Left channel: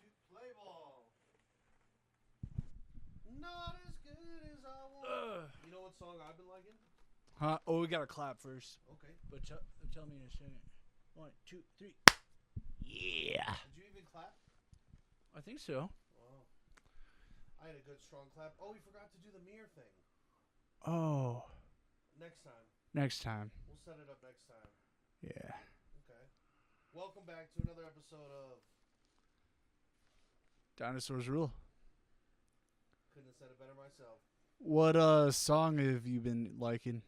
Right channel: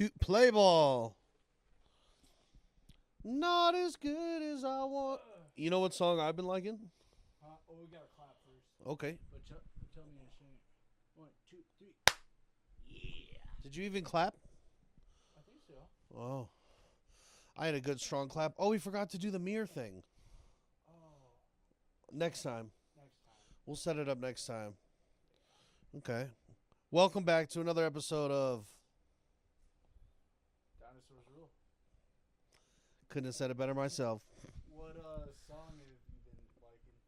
to play ball. Not as good as I want. You know what song I've been liking? Huh? Oh, we gotta clap first. Okay. But tell me to sing it. 1, 2, 3. Yeah. Did you even clap? I think so. Oh. I had a good strong clap. Oh, we forgot to do the mirror thing. Oh. Next time. Next time. We'll set it up next time. Yeah. Okay. Welcome back to another episode of Dinosaurs Rule. Couldn't have said it better myself. What song have you been liking?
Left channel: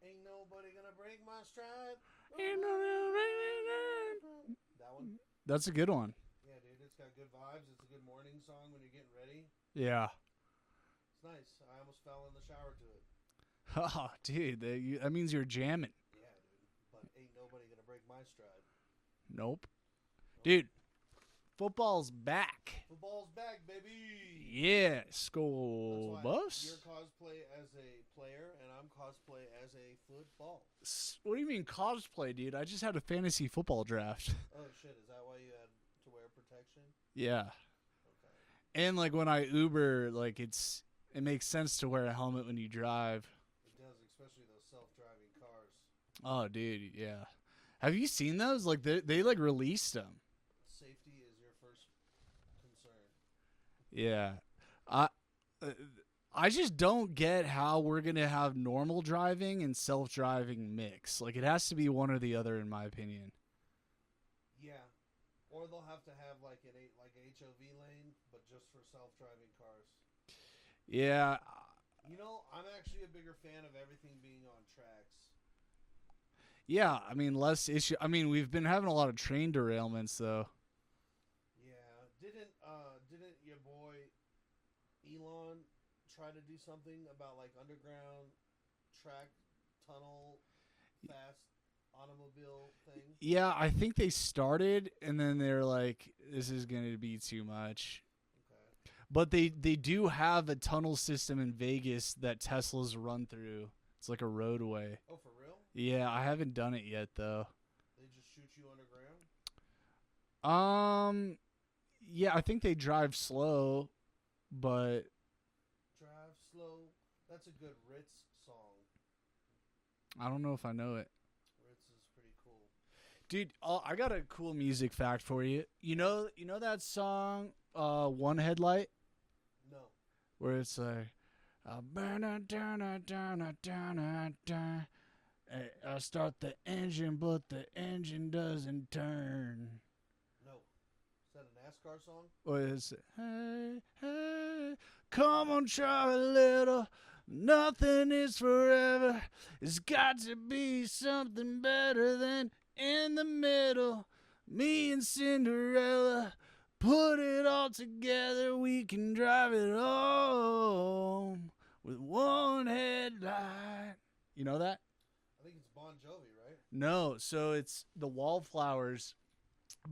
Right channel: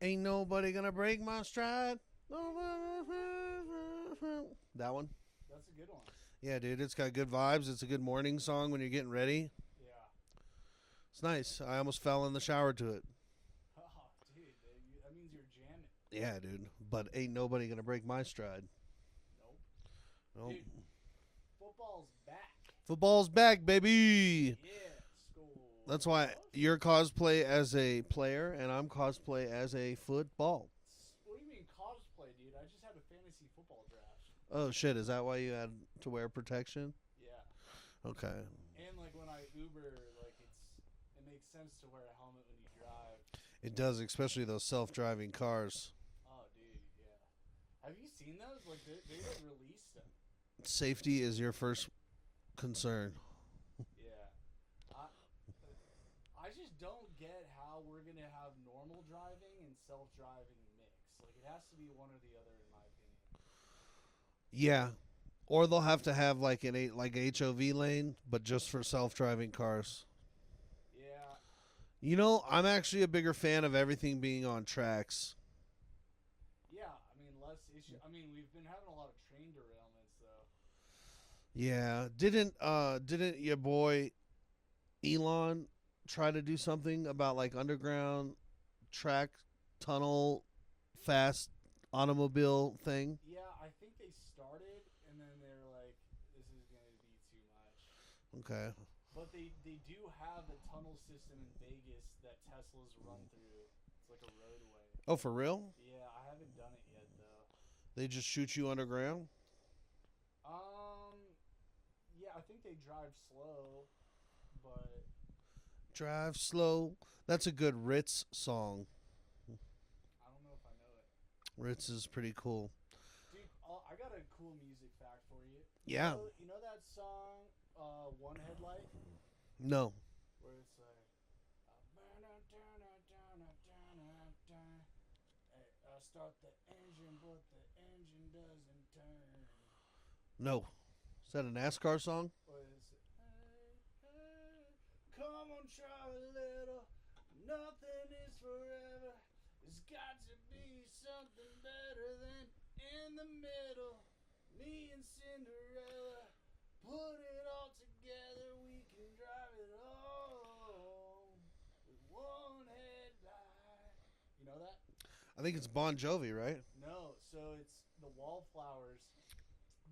Ain't nobody gonna break my stride. That one? That's a good one. Yeah, dude. It's got good vibes. It's a good morning song when you're getting ready. Yeah. It's nice. I almost fell in the shower to it. Oh, dude, that means you're jamming. Yeah, dude. But ain't nobody gonna break my stride. Nope. Nope. Dude, football's back. Football's back, baby. Yeah, school. That's why you're cosplay as a player and I'm cosplay as a football. What do you mean cosplay, dude? I just had a fantasy football draft. Oh, shit. Is that why you had to wear protection? Yeah. Okay. And like when I Uber, like it makes sense to wear a helmet when you drive. It does, especially those self-driving cars. Oh, dude, yeah. Have you seen those? Like they like released them. Safety is your first concern. Yeah. I just don't get how we're going to have normal driving and self-driving mix. Like it has to be one or the other in my opinion. Yeah. Or they'll have to have like an HOV lane, but just for self-driving cars. Yeah. You know, I'm actually a bigger fan of everything being on tracks. Yeah, I mean less issue. I mean, we've been having a lot of train derailments though. Yeah. Didn't your boy Elon try to do something about like underground track tunnel fast automobile thing? Yeah, I think they started and then they're like, this is going to be too much. Okay. But they do have a tunnel system in Vegas that Teslas run through. It's like a roadway. Oh, for real? Yeah, I haven't done it yet though. They just shoot you underground? Yeah, I think they drive slow, but Drive slow. That's a good Ritz song. I don't know if I know it. Ritz is pretty cool. Dude, I got a cool music fact for you. You know that song One Headlight? No. Where it's like I start the engine, but the engine doesn't turn. No. Is that a NASCAR song? Or is it, hey, hey, come on, try a little. Nothing is forever. It's got to be something better than in the middle. Me and Cinderella, put it all together. We can drive it home with one headlight. You know that? I think it's Bon Jovi, right? No, so it's the Wallflowers,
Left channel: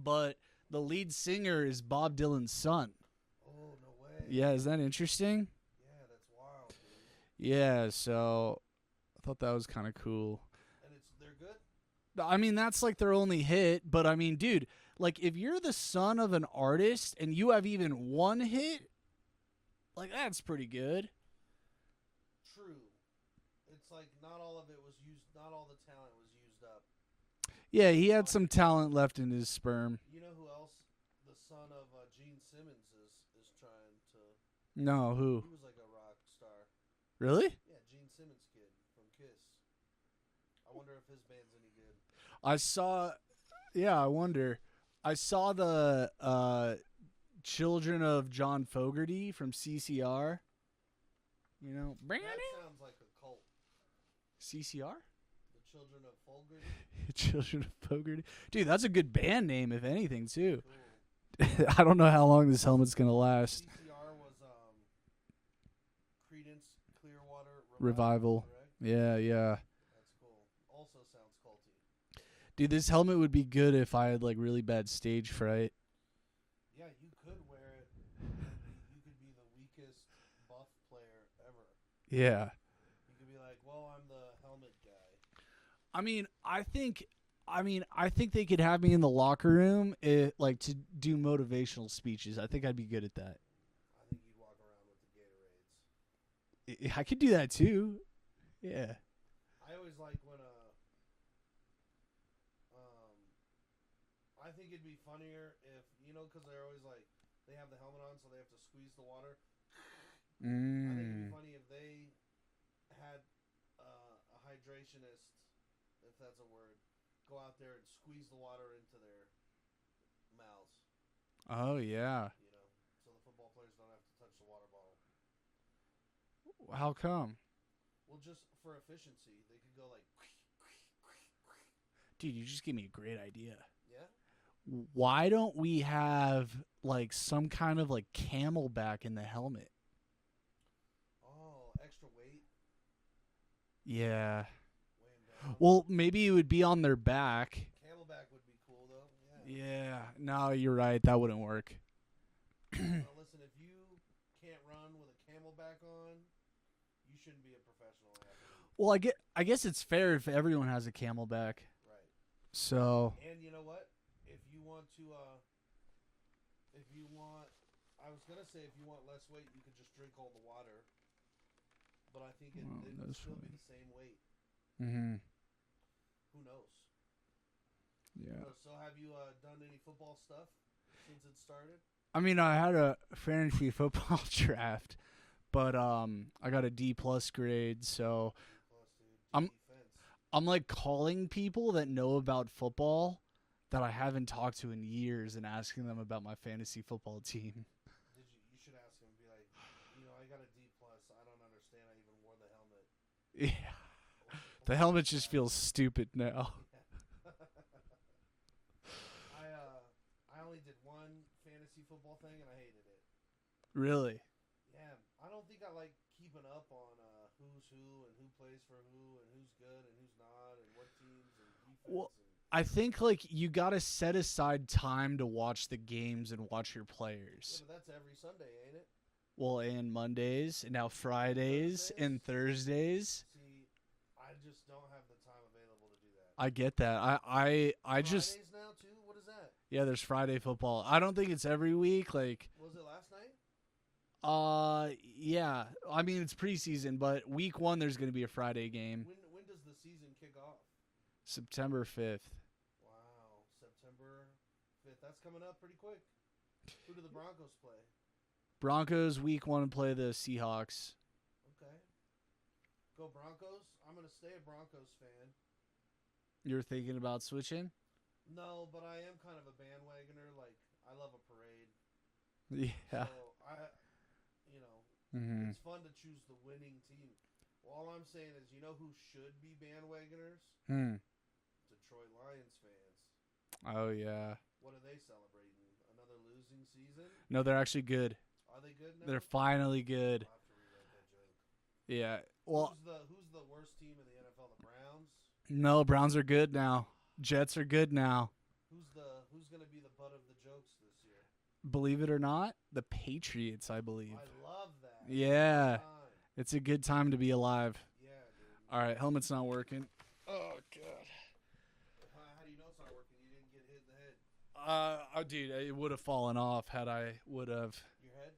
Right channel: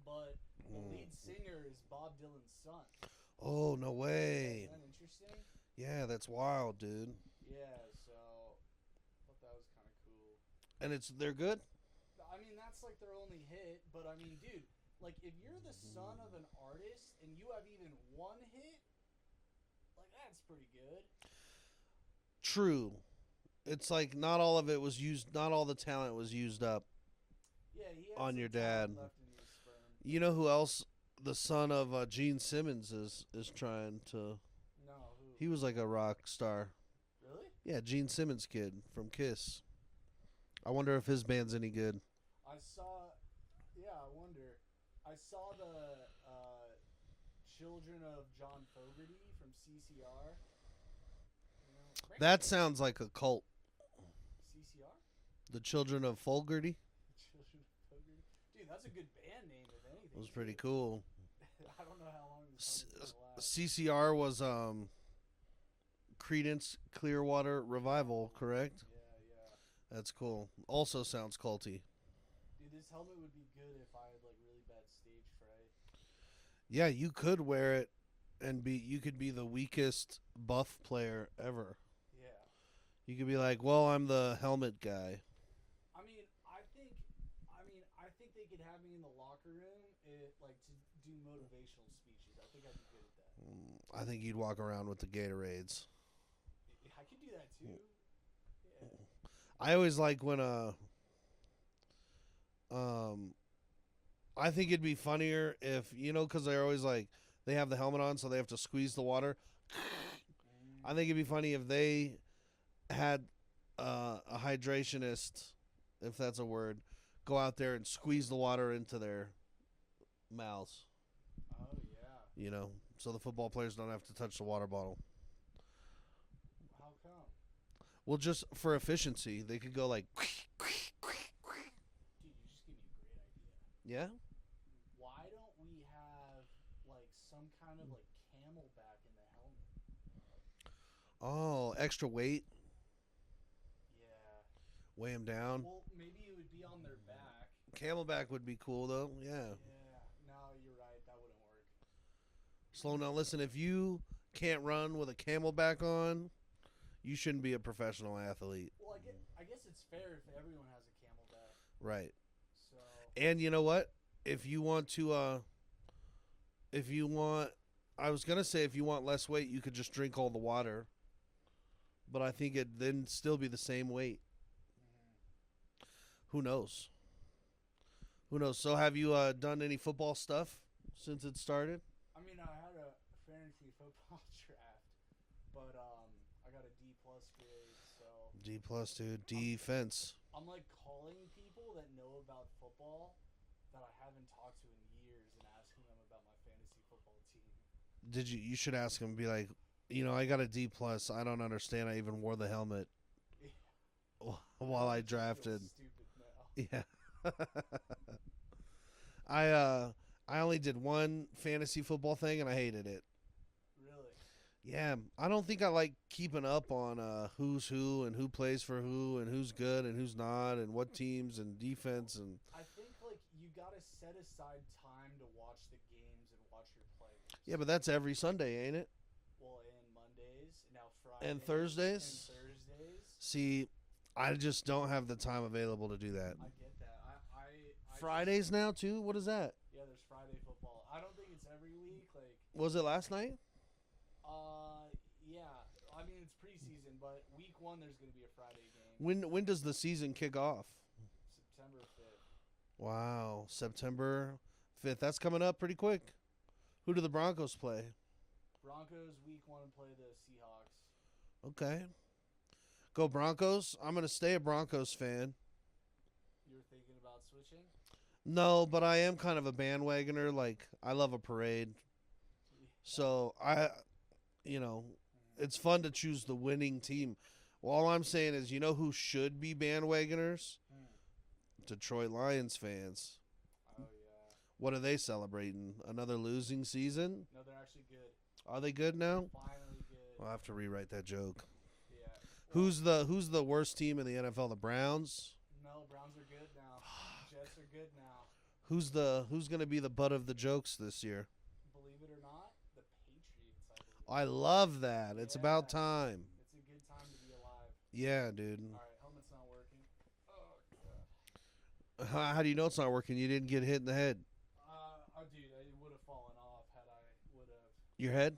but the lead singer is Bob Dylan's son. Oh, no way. Yeah, is that interesting? Yeah, that's wild, dude. Yeah, so I thought that was kind of cool. And they're good? I mean, that's like their only hit, but I mean, dude, like if you're the son of an artist and you have even one hit, like that's pretty good. True. It's like not all of it was used, not all the talent was used up. Yeah, he had On some your talent dad. left in his sperm. You know who else the son of Gene Simmons is trying to... No, who? He was like a rock star. Really? Yeah, Gene Simmons kid from Kiss. I wonder if his band's any good. I saw, yeah, I wonder. I saw the Children of John Fogerty from CCR. You know, That sounds like a cult. CCR? The Children of Fogerty. Children of Fogerty. Dude, that's a good band name, if anything, That's pretty too. cool. I don't know how long this helmet's going to last. CCR was Creedence Clearwater Revival, correct? Yeah, yeah. That's cool. Also sounds culty. Dude, this helmet would be good if I had, like, really bad stage fright. Yeah, you could wear it and you could be the weakest buff player ever. Yeah. You could be like, well, I'm the helmet guy. I mean, I think I mean, I think they could have me in the locker room, like to do motivational speeches. I think I'd be good at that. I think you'd walk around with the Gatorades. I could do that too. Yeah. I always like when I think it'd be funnier if because they're always like they have the helmet on, so they have to squeeze the water. I think it'd be funny if they had a hydrationist, if that's a word, go out there and squeeze the water into their mouths. Oh yeah. So the football players don't have to touch the water bottle. How come? Well, just for efficiency, they could go like, Dude, you just gave me a great idea. yeah. Why don't we have like some kind of like camelback in the helmet? Oh, extra weight, Yeah. weigh them down. Well, maybe it would be on their back. Camelback would be cool though. Yeah. Yeah. No, you're right. That wouldn't work. Well, now listen, if you can't run with a camelback on, you shouldn't be a professional athlete. Well, I guess it's fair if everyone has a camelback. Right. So And you know what? If you want, I was gonna say if you want less weight, you could just drink all the water. But I think it then still be the same weight. mm-hmm. Who knows? Yeah. Who knows? So have you done any football stuff since it started? I mean, I had a fantasy football draft, but I got a D+ grade, so D+, dude. I'm- Defense. I'm like calling people that know about football that I haven't talked to in years and asking them about my fantasy football team. You should ask him, be like, I got a D+. I don't understand. I even wore the helmet. Yeah. while The I helmet just feels drafted. stupid now. Yeah. I only did one fantasy football thing and I hated it. Really? Yeah, I don't think I like keeping up on who's who and who plays for who and who's good and who's not and what teams and defense and I think like you got to set aside time to watch the games and watch your players. yeah, but that's every Sunday, ain't it? Well, and Mondays and now Fridays and Thursdays. See, I just don't have the time available to do that. I get that. I just Fridays now too. What is that? yeah. There's Friday football. I don't think it's every week. Like Was it last night? yeah. I mean it's preseason, but week 1 there's gonna be a Friday game. When does the season kick off? September 5th. Wow, September 5th. That's coming up pretty quick. Who do the Broncos play? Broncos week 1 play the Seahawks. Okay. Go Broncos. I'm going to stay a Broncos fan. You're thinking about switching? No, but I am kind of a bandwagoner. Like, I love a parade. Yeah. So, Mhm. it's fun to choose the winning team. Well, all I'm saying is, who should be bandwagoners? Detroit Lions fans. Oh yeah. What are they celebrating? Another losing season? No, they're actually good. Are they good now? They're finally good. I'll have to rewrite that joke. Yeah. Well, Who's the worst team in the NFL? The Browns? no, Browns are good now. Jets are good now. Who's going to be the butt of the jokes this year? Believe it or not, the Patriots, I believe. I love that. It's about time. It's a good time to be alive. Yeah, dude. All right, helmet's not working. Oh god. How do you know it's not working? You didn't get hit in the head. Dude, it would have fallen off had I would have. Your head?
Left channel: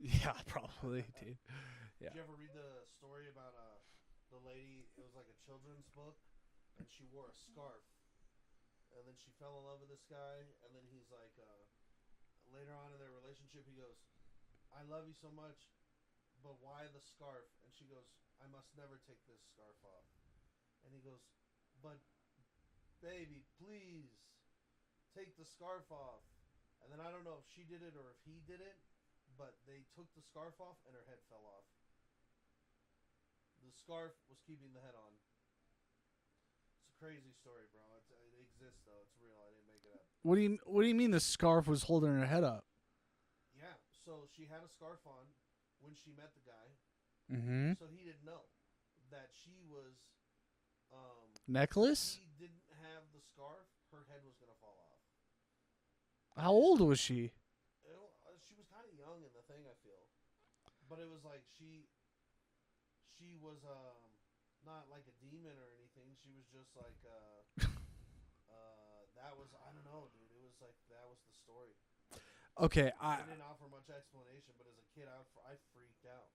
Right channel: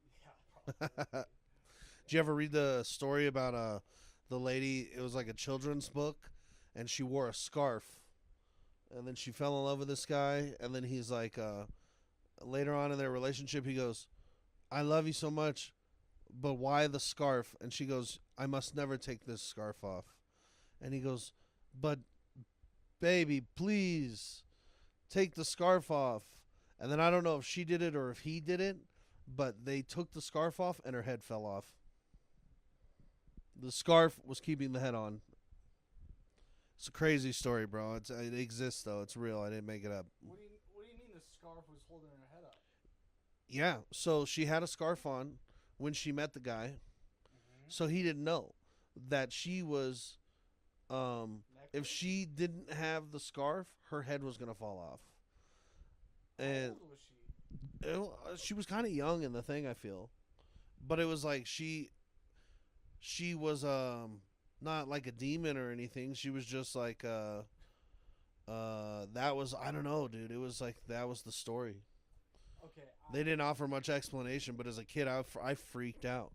Yeah, probably. Dude. Did you ever read the story about the lady? It was like a children's book, and she wore a scarf, and then she fell in love with this guy, and then he's like, later on in their relationship, he goes, "I love you so much, but why the scarf?" And she goes, "I must never take this scarf off," and he goes, "But, baby, please, take the scarf off." And then I don't know if she did it or if he did it, but they took the scarf off and her head fell off. The scarf was keeping the head on. It's a crazy story, bro. It exists though. It's real. I didn't make it up. What do you mean the scarf was holding her head up? Yeah. So she had a scarf on when she met the guy. Mm-hmm. So he didn't know that she was Necklace? if she didn't have the scarf, her head was going to fall off. How And old was she? she was kind of young in the thing, I feel. But it was like she was not like a demon or anything. She was just like That was, I don't know, dude. It was like that was the story. Okay, They didn't offer much explanation, but as a kid, I freaked out.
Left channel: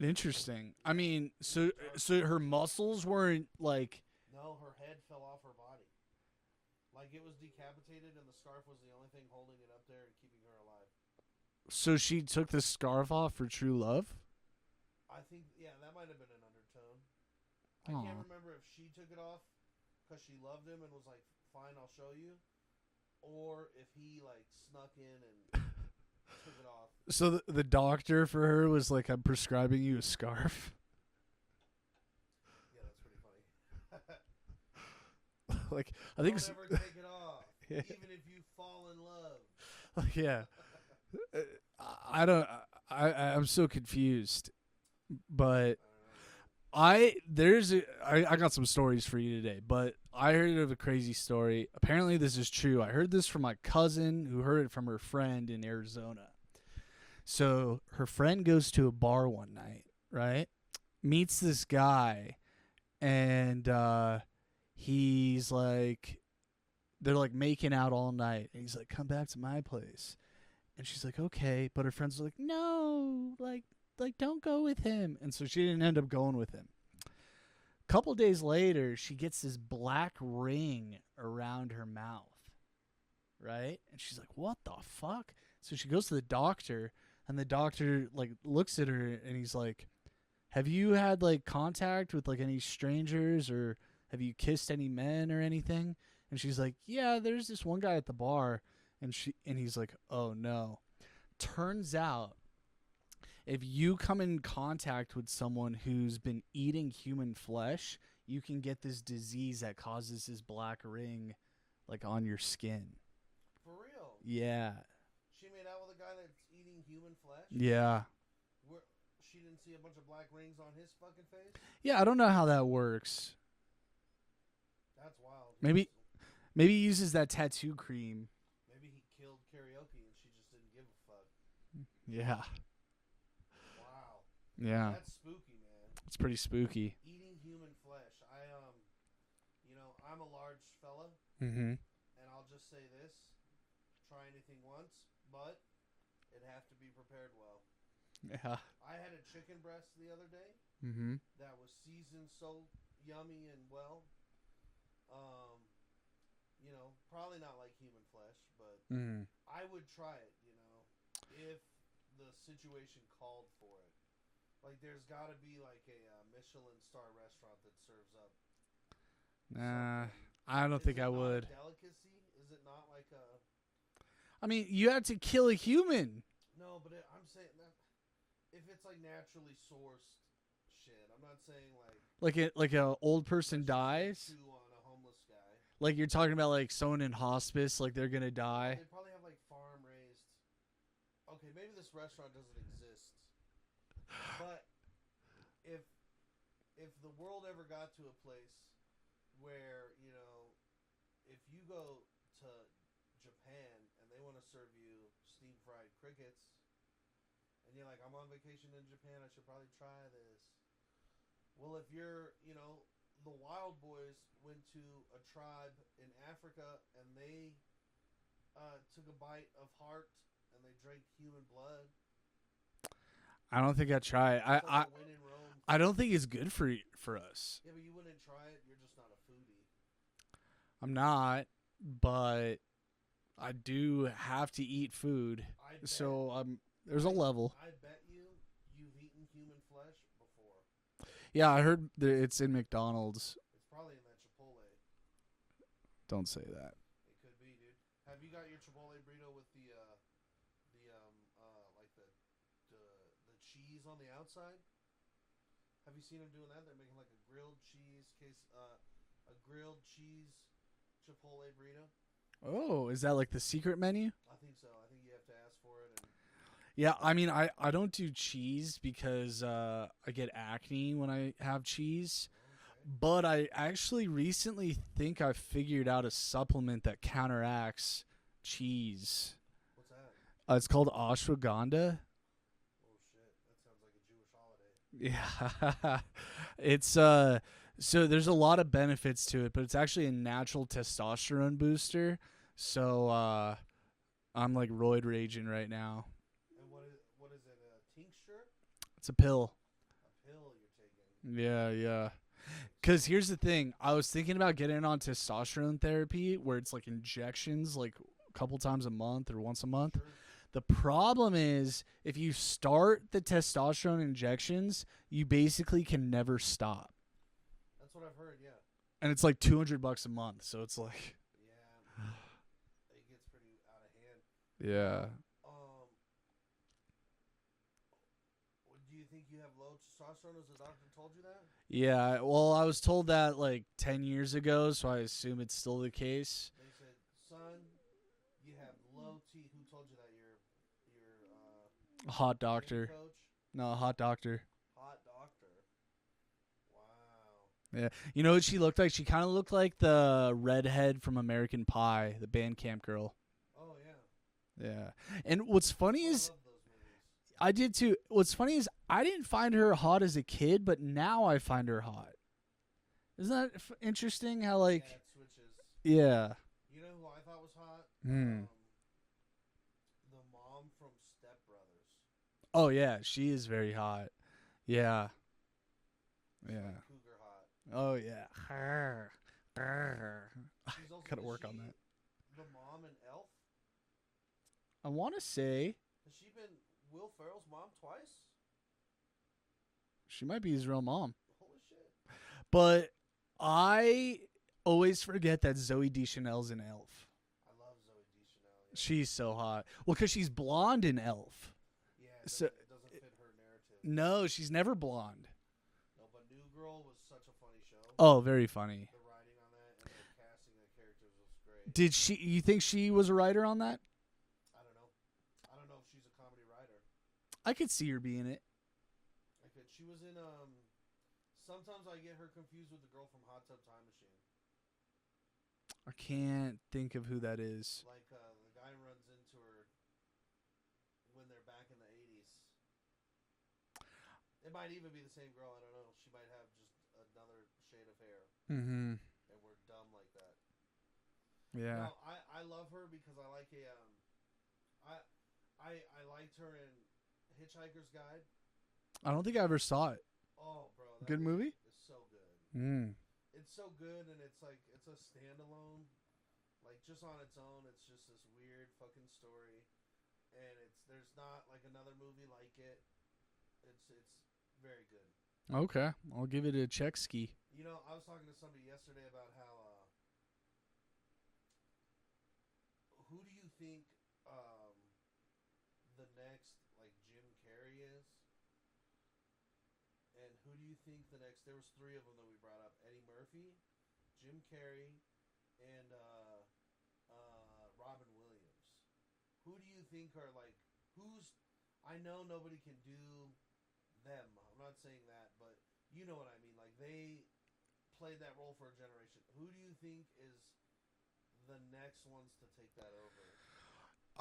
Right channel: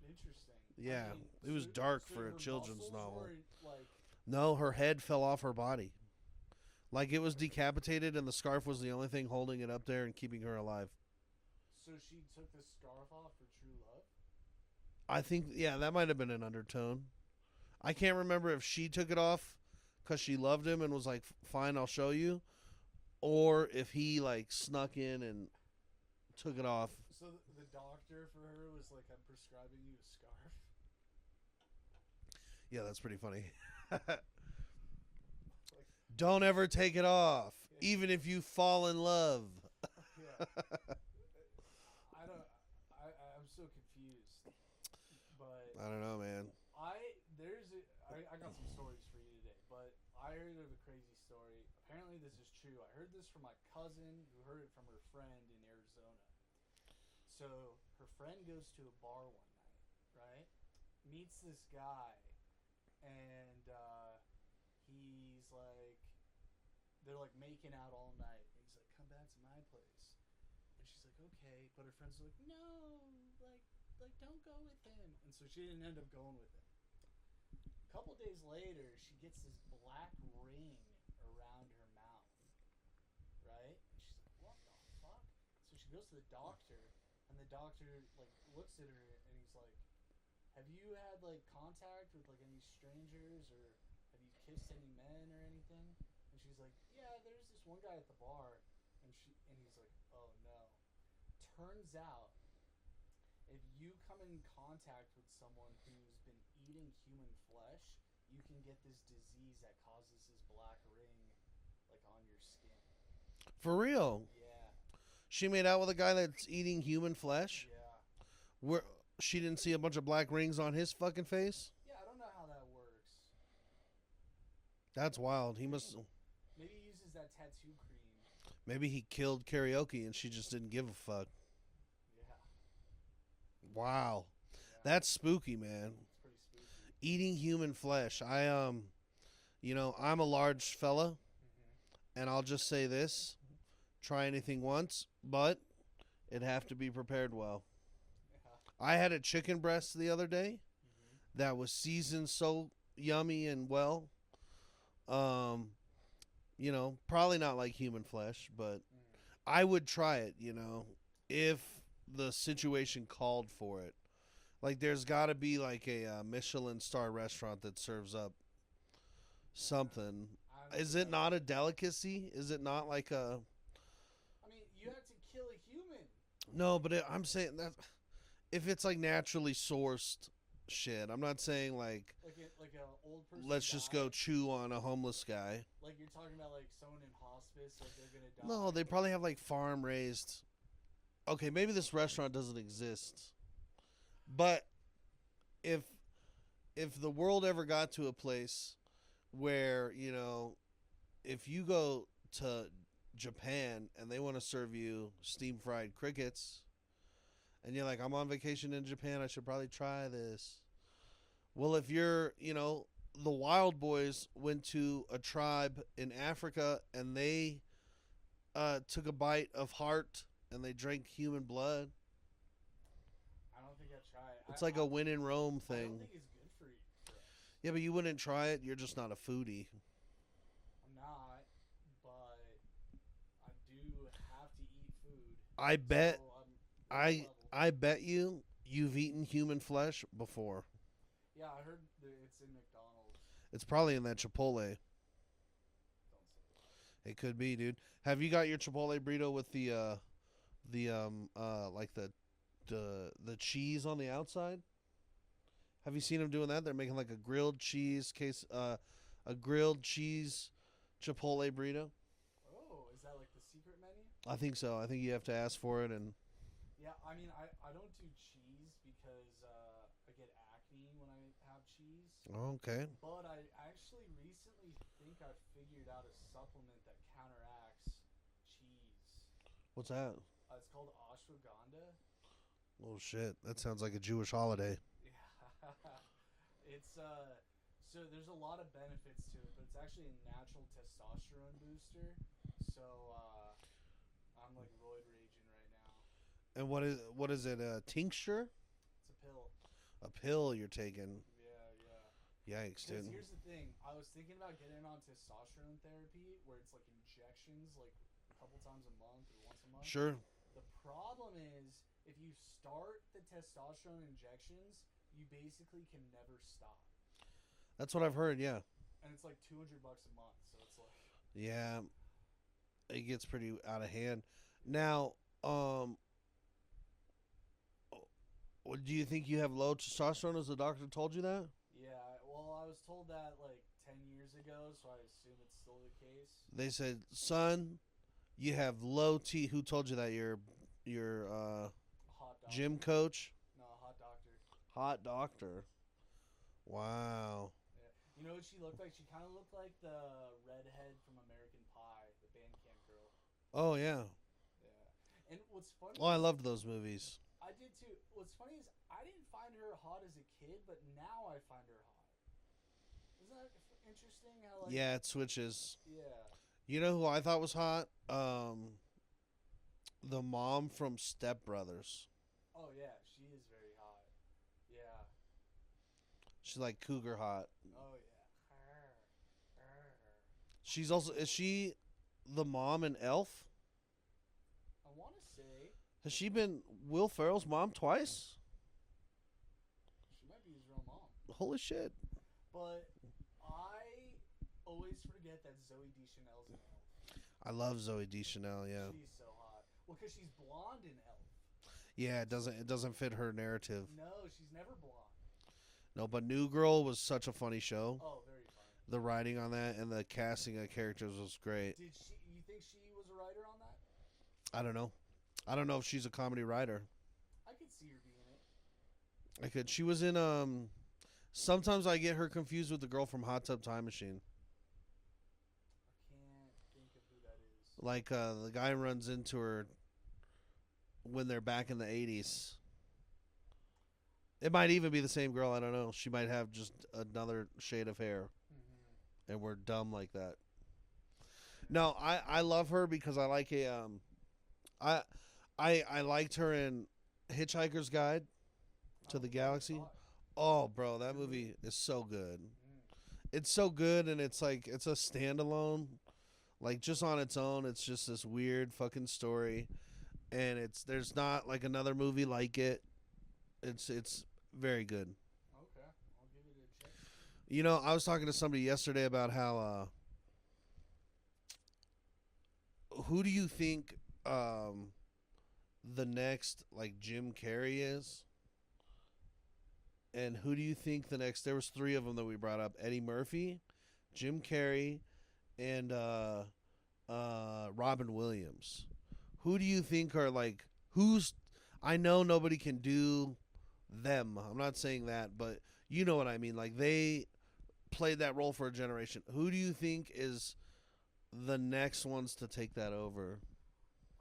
interesting. I Yeah, mean, it was so dark so for a her children's muscles novel. weren't like. No, her head fell off her body. Like it was decapitated, and the scarf was the only thing holding it up there and keeping her alive. So she took the scarf off for true love. I think, yeah, that might have been an undertone. I can't Aw. remember if she took it off because she loved him and was like, "Fine, I'll show you," or if he like snuck in and took it off. So the doctor for her was like, "I'm prescribing you a scarf." Yeah, that's pretty funny. Like, I think Don't s- ever take it off, Yeah. even if you fall in love. yeah. I don't. I'm so confused, but I don't know, man. I got some stories for you today, but I heard of a crazy story. Apparently this is true. I heard this from my cousin who heard it from her friend in Arizona. So her friend goes to a bar one night, right? Meets this guy, and he's like, they're like making out all night, and he's like, "Come back to my place," and she's like, "Okay," but her friends are like, "No, like don't go with him," and so she didn't end up going with him. Couple days later, she gets this black ring around her mouth, right? And she's like, "What the fuck?" So she goes to the doctor, and the doctor like looks at her, and he's like, "Have you had like contact with like any strangers, or have you kissed any men or anything?" And she's like, "Yeah, there's this one guy at the bar," and he's like, "Oh no." Turns out, if you come in contact with someone who's been eating human flesh, you can get this disease that causes this black ring like on your skin. For real, Yeah. she made out with a guy that's eating human flesh. Yeah. Where she didn't see a bunch of black rings on his fucking face. Yeah, I don't know how that works. That's wild. Maybe he uses that tattoo cream. maybe he killed karaoke and she just didn't give a fuck. Yeah. Wow, Yeah. that's spooky, man. It's pretty spooky. Eating human flesh. I'm a large fella, Mm-hmm. and I'll just say this: try anything once, but it'd have to be prepared well. Yeah. I had a chicken breast the other day Mm-hmm. that was seasoned so yummy and well. Probably not like human flesh, but Mm. I would try it, if the situation called for it. Like, there's got to be like a Michelin star restaurant that serves up something. I don't Is think it I not would. a delicacy? Is it not like a... I mean, you have to kill a human. No, but I'm saying that if it's like naturally sourced shit, I'm not saying like Like a old person let's just go dies. chew on a homeless guy. Like you're talking about like someone in hospice, like they're gonna die. No, they probably have like farm raised. Okay, maybe this restaurant doesn't exist. But if the world ever got to a place where, if you go to Japan and they want to serve you steam fried crickets and you're like, I'm on vacation in Japan, I should probably try this. Well, if you're, the Wild Boys went to a tribe in Africa and they took a bite of heart and they drank human blood. I don't think I'd try it. It's like a win in Rome thing. I don't think it's good for us. Yeah, but you wouldn't try it. You're just not a foodie. I'm not, but I do have to eat food. I bet. So there's a level. I bet you've eaten human flesh before. Yeah, I heard that it's in McDonald's. It's probably in that Chipotle. Don't say that. It could be, dude. Have you got your Chipotle burrito with the like the cheese on the outside? Have you seen them doing that? They're making like a grilled cheese Chipotle burrito. Oh, is that like the secret menu? I think so. I think you have to ask for it, and Yeah, I mean, I don't do cheese because I get acne when I have cheese. okay. But I actually recently think I figured out a supplement that counteracts cheese. What's that? It's called ashwagandha. Oh shit, that sounds like a Jewish holiday. Yeah, it's So there's a lot of benefits to it, but it's actually a natural testosterone booster. So I'm like roid raging right now. And what is it? A tincture? It's a pill. A pill you're taking? Yeah. Yikes. Because here's the thing. I was thinking about getting on testosterone therapy where it's like injections like a couple times a month or once a month. Sure. The problem is if you start the testosterone injections, you basically can never stop. That's what I've heard. Yeah. And it's like $200 a month. So it's like, Yeah. It gets pretty out of hand. yeah. Now, do you think you have low testosterone? As the doctor told you that? Yeah, well, I was told that like 10 years ago, so I assume it's still the case. They said, son, you have low T. Who told you that? Your A hot doctor. gym coach? No, a hot doctor. Hot doctor. Wow. Yeah. You know what she looked like? She kind of looked like the redhead from American Pie, the Bandcamp girl. Oh, yeah. Yeah. And what's funny Oh, I is loved those movies. I did too. What's funny is I didn't find her hot as a kid, but now I find her hot. Isn't that interesting how like Yeah, it switches. yeah. You know who I thought was hot? Hmm. The mom from Step Brothers. Oh yeah, she is very hot. Yeah. She's Yeah. like cougar hot. Oh yeah. She's also Gotta is work on she the mom in Elf? I want to say Has she been Will Ferrell's mom twice? she might be his real mom. Holy shit. But I always forget that Zoe Deschanel's in Elf. I love Zoe Deschanel, yeah. She's so hot. Well, because she's blonde in Elf. Yeah, it doesn't fit her narrative. No, she's never blonde. No, but New Girl was such a funny show. Oh, very funny. The writing on that and the casting of characters was great. Did she? You think she was a writer on that? I don't know. I don't know if she's a comedy writer. I could see her being it. I could. She was in sometimes I get her confused with the girl from Hot Tub Time Machine. I can't think of who that is. Like the guy runs into her when they're back in the 80s. It might even be the same girl. I don't know. She might have just another shade of hair, Mm-hmm. and we're dumb like that. Yeah. No, I love her because I like I liked her in Hitchhiker's Guide. I to don't the think I ever Galaxy. saw it. Oh, bro, that Good movie? is so good. Mm. It's so good, and it's like it's a standalone, like just on its own. It's just this weird fucking story, and there's not like another movie like it. It's very good. Okay, I'll give it a check ski. You know, I was talking to somebody yesterday about how who do you think the next like Jim Carrey is? And who do you think the next? There was 3 of them that we brought up: Eddie Murphy, Jim Carrey, and Robin Williams. Who do you think are like who's? I know nobody can do them. I'm not saying that, but you know what I mean. Like they played that role for a generation. Who do you think is the next ones to take that over?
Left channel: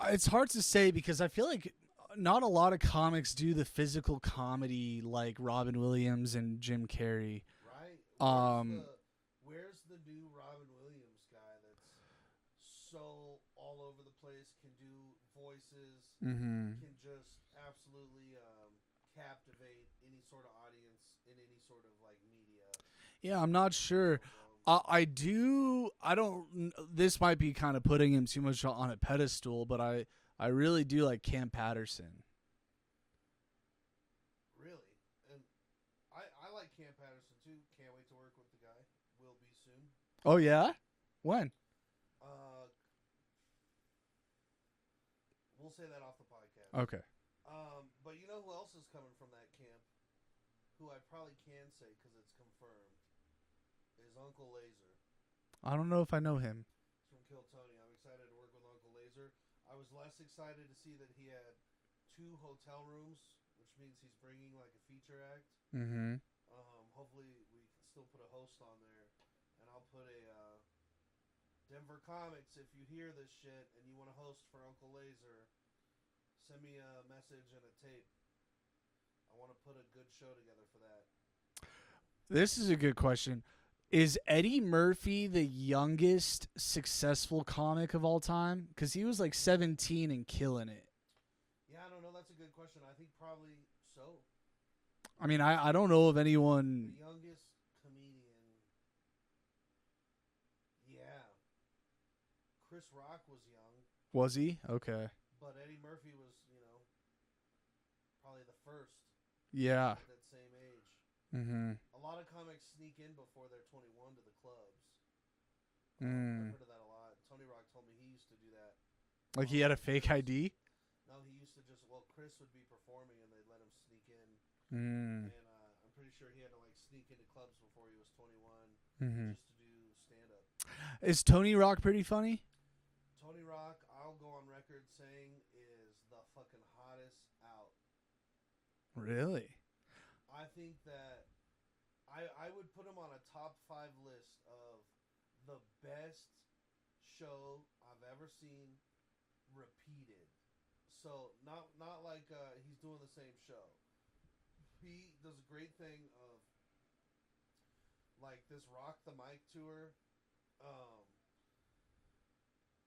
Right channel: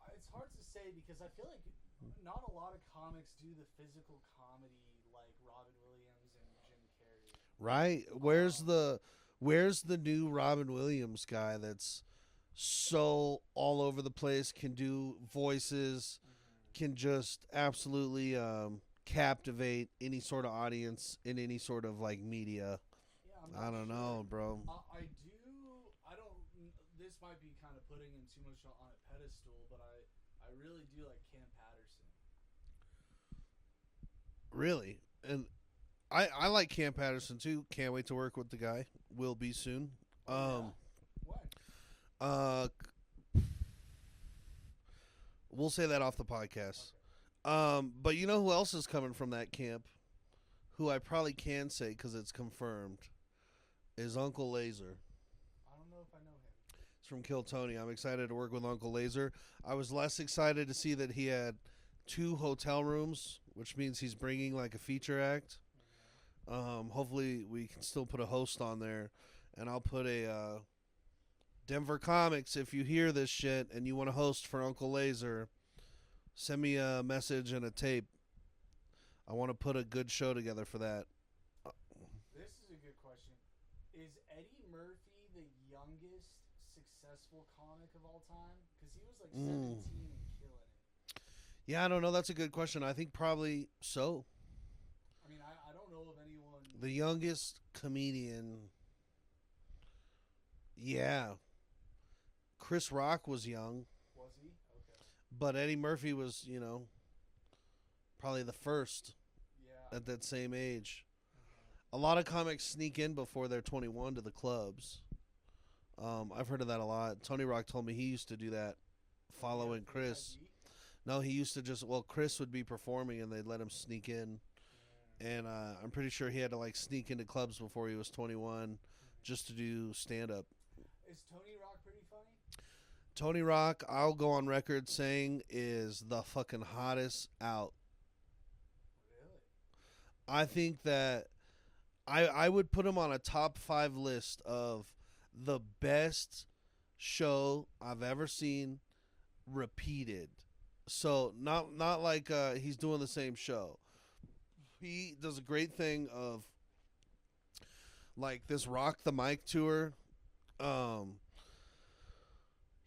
It's hard to say because I feel like not a lot of comics do the physical comedy like Robin Williams and Jim Carrey. Right? Where's the new Robin Williams guy that's so all over the place, can do voices, Mm-hmm. can just absolutely captivate any sort of audience in any sort of like media? Yeah, I'm I not don't sure. know, bro. I do. I don't. This might be kind of putting him too much on a pedestal, but I really do like Cam Patterson. Really? And I like Cam Patterson too. Can't wait to work with the guy. Will be soon. Oh yeah, when? We'll say that off the podcast. Okay. But you know who else is coming from that camp? Who I probably can say because it's confirmed is Uncle Laser. I don't know if I know him. It's from Kill Tony. I'm excited to work with Uncle Laser. I was less excited to see that he had 2 hotel rooms, which means he's bringing like a feature act. Mm-hmm. Hopefully we can still put a host on there, and I'll put a Denver Comics. If you hear this shit and you want to host for Uncle Laser, send me a message and a tape. I want to put a good show together for that. This is a good question. Is Eddie Murphy the youngest successful comic of all time? Because he was like 17 and killing it. Yeah, I don't know. That's a good question. I think probably so. I mean, I don't know of anyone. The youngest comedian. Yeah. Chris Rock was young. Was he? Okay. But Eddie Murphy was, probably the first Yeah. at that same age. Mm-hmm. A lot of comics sneak in before they're 21 to the clubs. I've heard of that a lot. Tony Rock told me he used to do that. Like he had a following fake Chris. ID? No, he used to Chris would be performing and they'd let him sneak in. And I'm pretty sure he had to like sneak into clubs before he was 21 just to do stand-up. Is Tony Rock pretty funny? Tony Rock, I'll go on record saying, is the fucking hottest out. Really? I think that I would put him on a top 5 list of the best show I've ever seen repeated. So not like he's doing the same show. He does a great thing of like this Rock the Mic tour.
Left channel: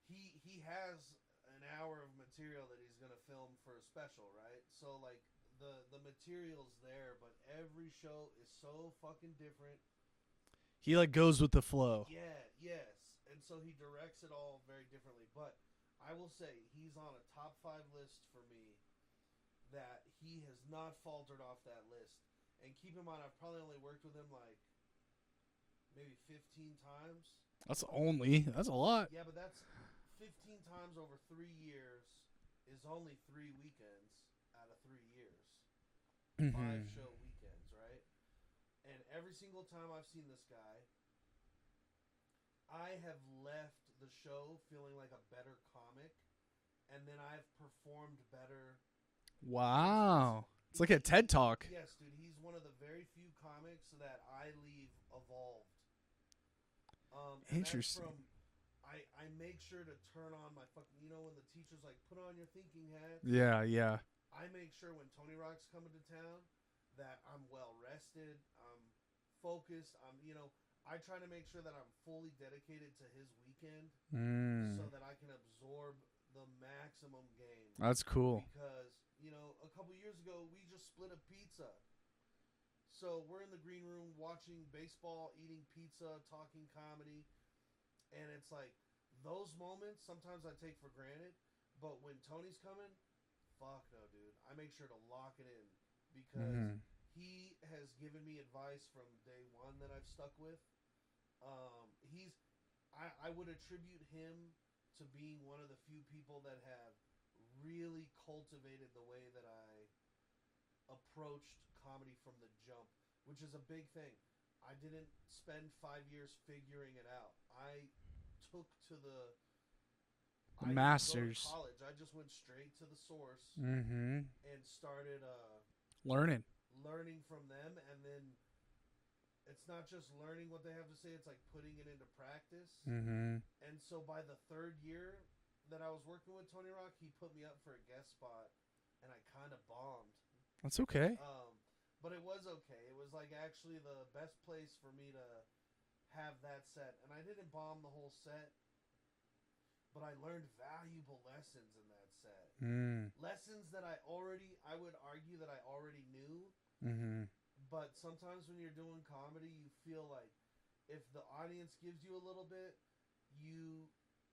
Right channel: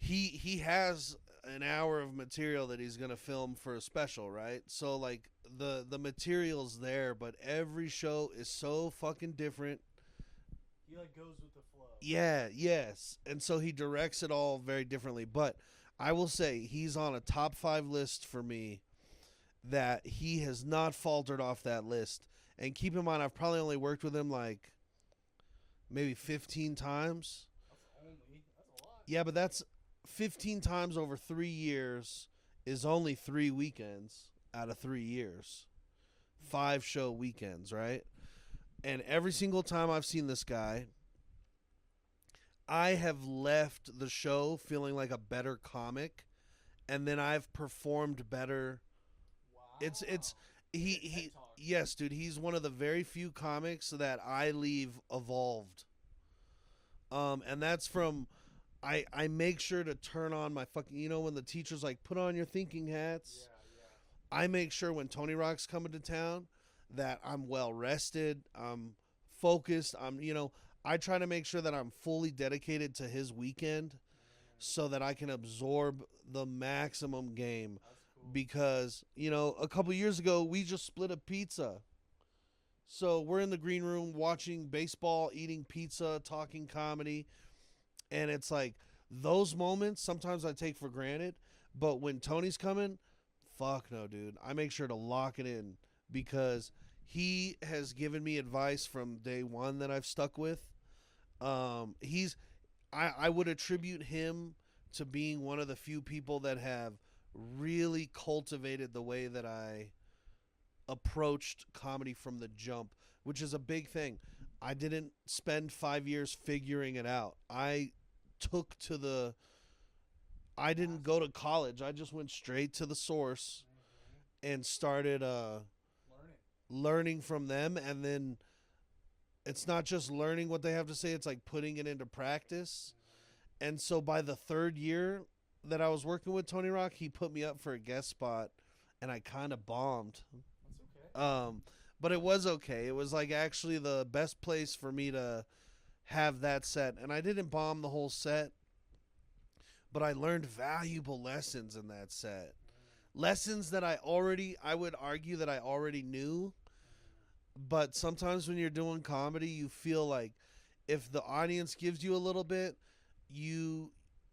He has an hour of material that he's gonna film for a special, right? So like the material's there, but every show is so fucking different. He like goes with the flow. Yeah, yes. And so he directs it all very differently. But I will say he's on a top 5 list for me that he has not faltered off that list. And keep in mind, I've probably only worked with him like maybe 15 times. That's a lot. Yeah, but that's 15 times over 3 years is only 3 weekends out of 3 years. 5 show weekends, right? And every single time I've seen this guy, I have left the show feeling like a better comic, and then I've performed better. Wow. It's like a TED Talk. Yes, dude. He's one of the very few comics that I leave evolved. And that's from, I make sure to turn on my fucking, when the teacher's like, put on your thinking hats. Yeah, yeah. I make sure when Tony Rock's coming to town that I'm well rested, I'm focused, I try to make sure that I'm fully dedicated to his weekend so that I can absorb the maximum game. That's cool. Because, a couple years ago, we just split a pizza. So we're in the green room watching baseball, eating pizza, talking comedy. And it's like those moments sometimes I take for granted. But when Tony's coming, fuck no, dude. I make sure to lock it in because he has given me advice from day one that I've stuck with. I would attribute him to being one of the few people that have really cultivated the way that I approached comedy from the jump, which is a big thing. I didn't spend 5 years figuring it out. I didn't go to college. I just went straight to the source and started learning from them. And then it's not just learning what they have to say. It's like putting it into practice. And so by the 3rd year that I was working with Tony Rock, he put me up for a guest spot and I kind of bombed. That's okay. But it was okay. It was like actually the best place for me to have that set. And I didn't bomb the whole set, but I learned valuable lessons in that set. Lessons that I would argue that I already knew. But sometimes when you're doing comedy, you feel like if the audience gives you a little bit,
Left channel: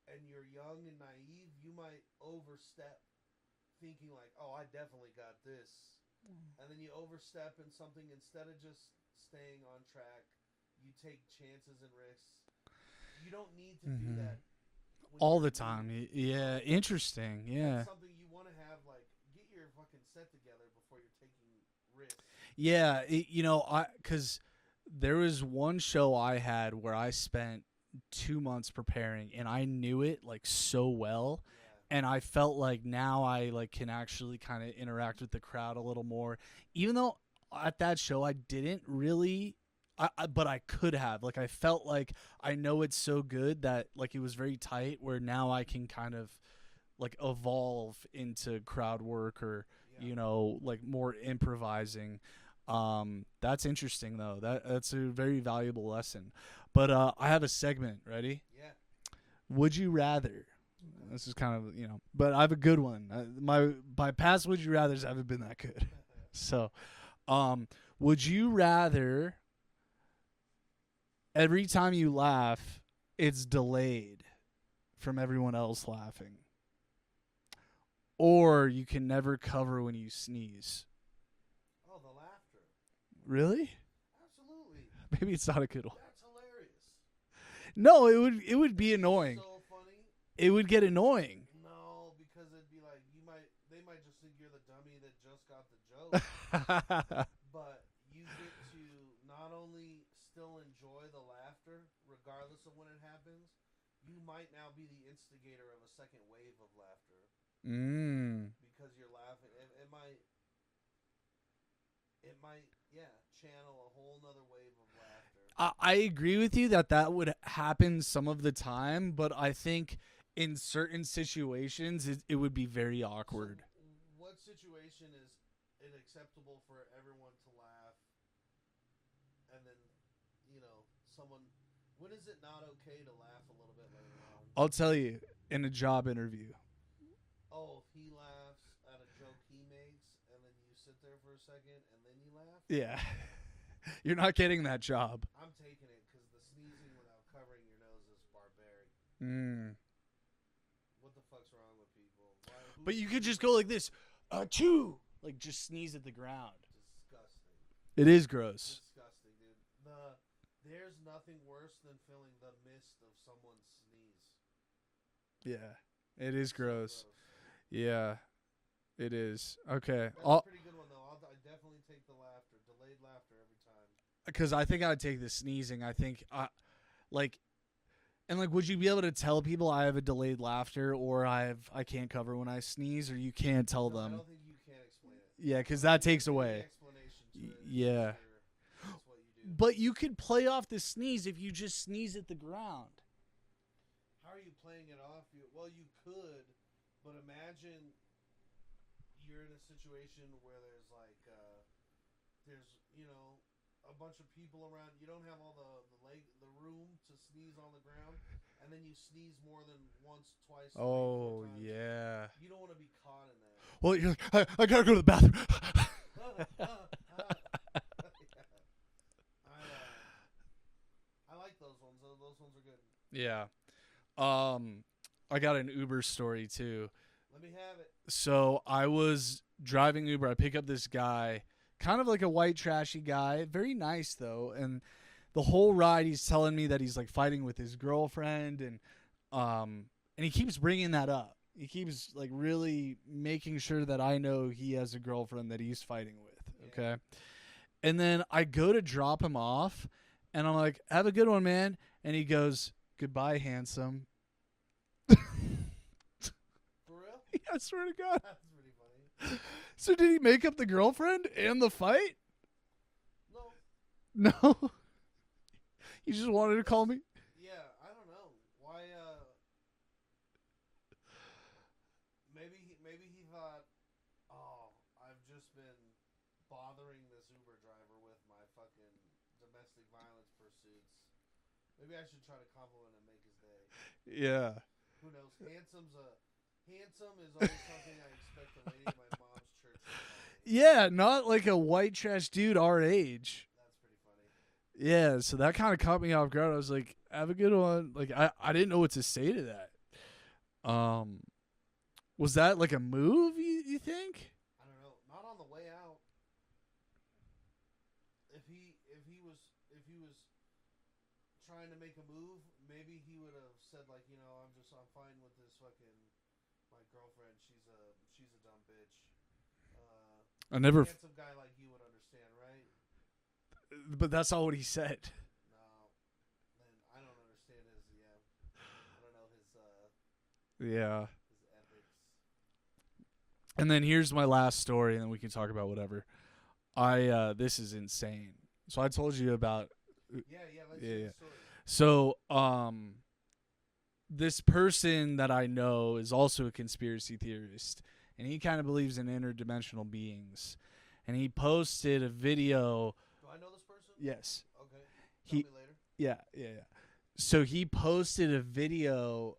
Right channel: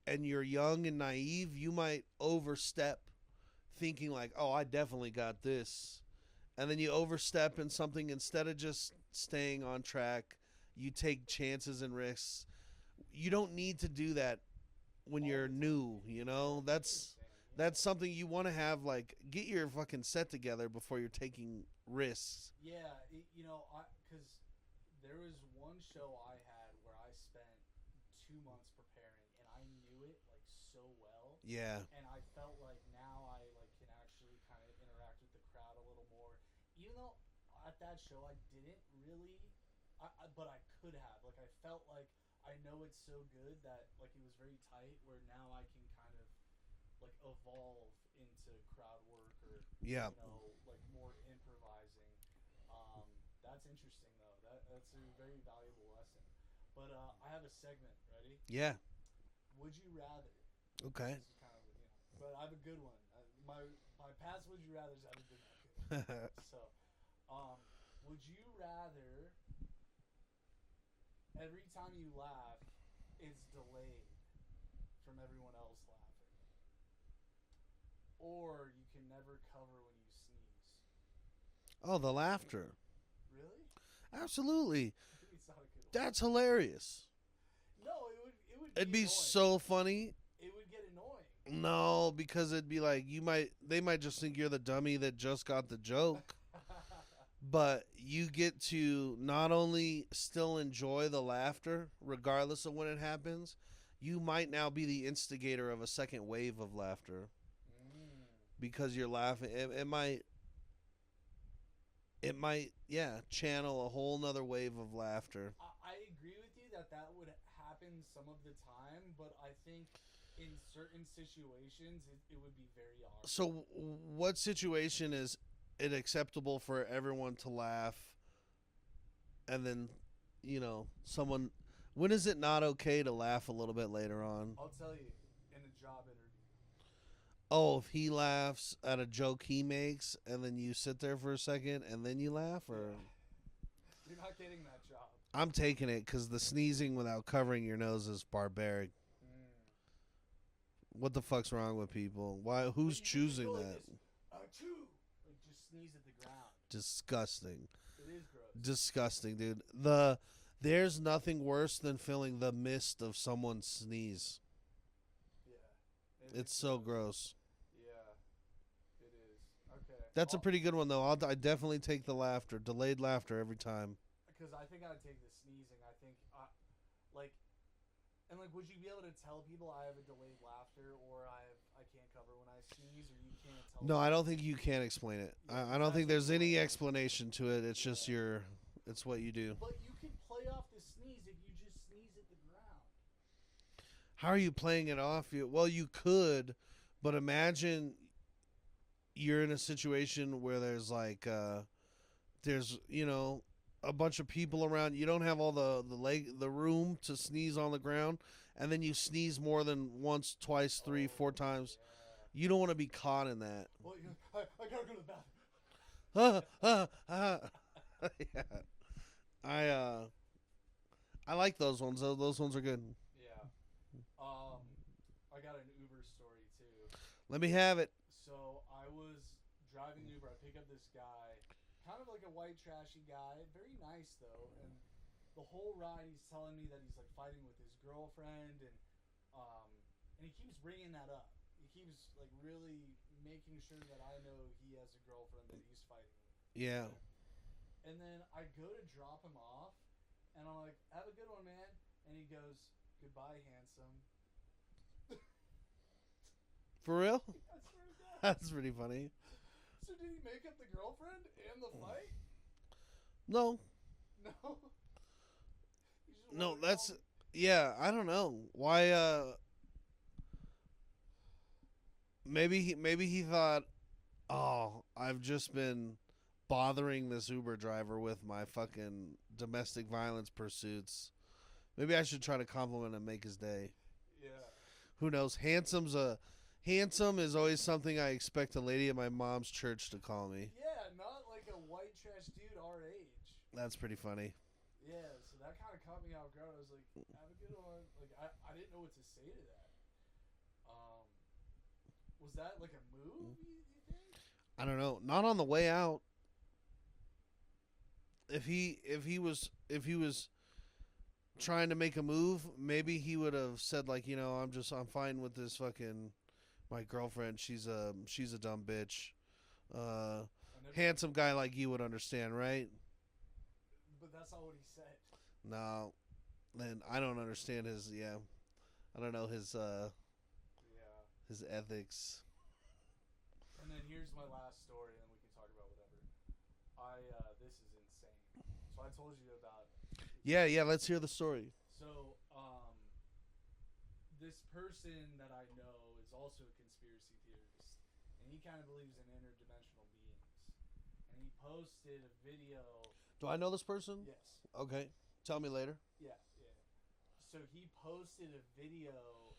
and you're young and naive, you might overstep thinking like, oh, I definitely got this. And then you overstep in something instead of just staying on track. You take chances and risks. You don't need to do that when all you're the time. New, Interesting. Yeah. That's something you want to have, like, get your fucking set together before you're taking risks. Yeah, because there was one show I had where I spent 2 months preparing, and I knew it like so well. Yeah. And I felt like now I like can actually kind of interact with the crowd a little more, even though at that show I didn't really. But I could have. Like, I felt like I know it's so good that, like, it was very tight where now I can kind of, like, evolve into crowd work or, like, more improvising. That's interesting though. That's a very valuable lesson. But I have a segment ready. Yeah. Would you rather? Okay. This is kind of but I have a good one. My past would you rather's haven't been that good. So, would you rather every time you laugh, it's delayed from everyone else laughing, or you can never cover when you sneeze? Oh, the laughter. Really? Absolutely. Maybe it's not a good one. That's hilarious. No, it would be It'd annoying. So funny. It would get annoying. No, because it'd be like they might just think you're the dummy that just got the joke. But you get to not only still enjoy the laughter regardless of when it happens, you might now be the instigator of a second wave of laughter. Because you're laughing. It might channel a whole nother wave of laughter. I agree with you that would happen some of the time, but I think in certain situations it would be very awkward. So what situation is it acceptable for everyone to laugh and then, someone, when is it not okay to laugh a little bit later on? I'll tell you, in a job interview. Oh, if he laughs at a joke he makes and then you sit there for a second and then you laugh? Or? Yeah. You're not getting that job. I'm taking it because the sneezing without covering your nose is barbaric. What the fuck's wrong with people? Why? Who's But you could just choosing go like that? this. Achoo! Like just sneeze at the ground. Disgusting. It is gross. Disgusting, dude. There's nothing worse than feeling the mist of someone's sneeze. Yeah. It's gross. So gross. Yeah. It is. Okay. That's a pretty good one, though. I definitely take the laughter. Delayed laughter every time. Because I think I'd take the sneezing. I think, would you be able to tell people I have a delayed laughter or I can't cover when I sneeze, or you can't tell them? No, I don't think you can explain it. Yeah, because I don't that think takes there's away any explanation to it. It's just it's what you do. But you could play off the sneeze if you just sneeze at the ground. How are you playing it off? Well, you could, but imagine you're in a situation where there's a bunch of people around. You don't have all the room to sneeze on the ground, and then you sneeze more than once, twice, 3, 4 times. Yeah. You don't want to be caught in that. Well, you're like, I gotta go to the bathroom. Yeah. I like those ones. Those ones are good. Yeah. I got an Uber story too. Let me have it. So I was driving Uber. I pick up this guy, kind of like a white trashy guy, very nice though. And the whole ride, he's telling me that he's like fighting with his girlfriend, and he keeps bringing that up. He keeps like really making sure that I know he has a girlfriend that he's fighting with. Yeah. Okay? And then I go to drop him off, and I'm like, "Have a good one, man." And he goes, "Goodbye, handsome." For real? Yeah, I swear to God. That's pretty funny. So did he make up the girlfriend and the fight? No. No. He just wanted to call me? Yeah, I don't know. Why maybe he thought, "Oh, I've just been bothering this Uber driver with my fucking domestic violence pursuits. Maybe I should try to compliment and make his day." Yeah. Who knows? Handsome is always something I expect a lady at my mom's church to call me. Yeah, not like a white trash dude our age. That's pretty funny. Yeah, so that kind of caught me off guard. I was like, "Have a good one." Like I didn't know what to say to that. Was that like a move, you think? I don't know. Not on the way out. If he was trying to make a move, maybe he would have said like, I'm fine with this fucking my girlfriend. She's a dumb bitch. I never. Handsome guy like you would understand, right? But that's not what he said. No, then I don't understand his. Yeah, I don't know his. Yeah. His ethics. And then here's my last story, and then we can talk about whatever. This is insane. So I told you about. Yeah. Let's hear the story. So, this person that I know is also a conspiracy theorist, and he kind of believes in interdimensional beings. and he posted a video. Do I know this person? Yes. Okay. Tell me later. Yeah. So he posted a video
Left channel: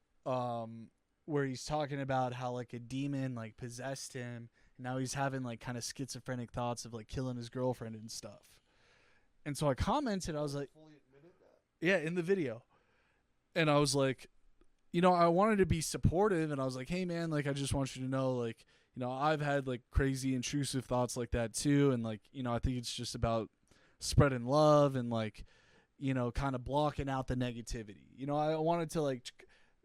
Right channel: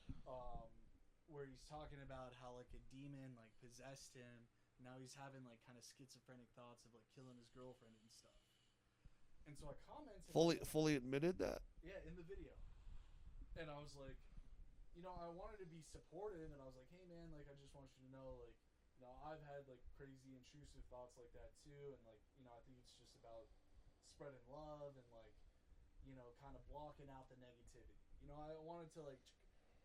where he's talking about how like a demon like possessed him. And now he's having like kind of schizophrenic thoughts of like killing his girlfriend and stuff. And so I commented, I was like, fully admitted that? yeah, in the video. And I was like, I wanted to be supportive, and I was like, hey man, like I just want you to know, like, I've had like crazy intrusive thoughts like that too, and like, I think it's just about spreading love and like, kind of blocking out the negativity. I wanted to like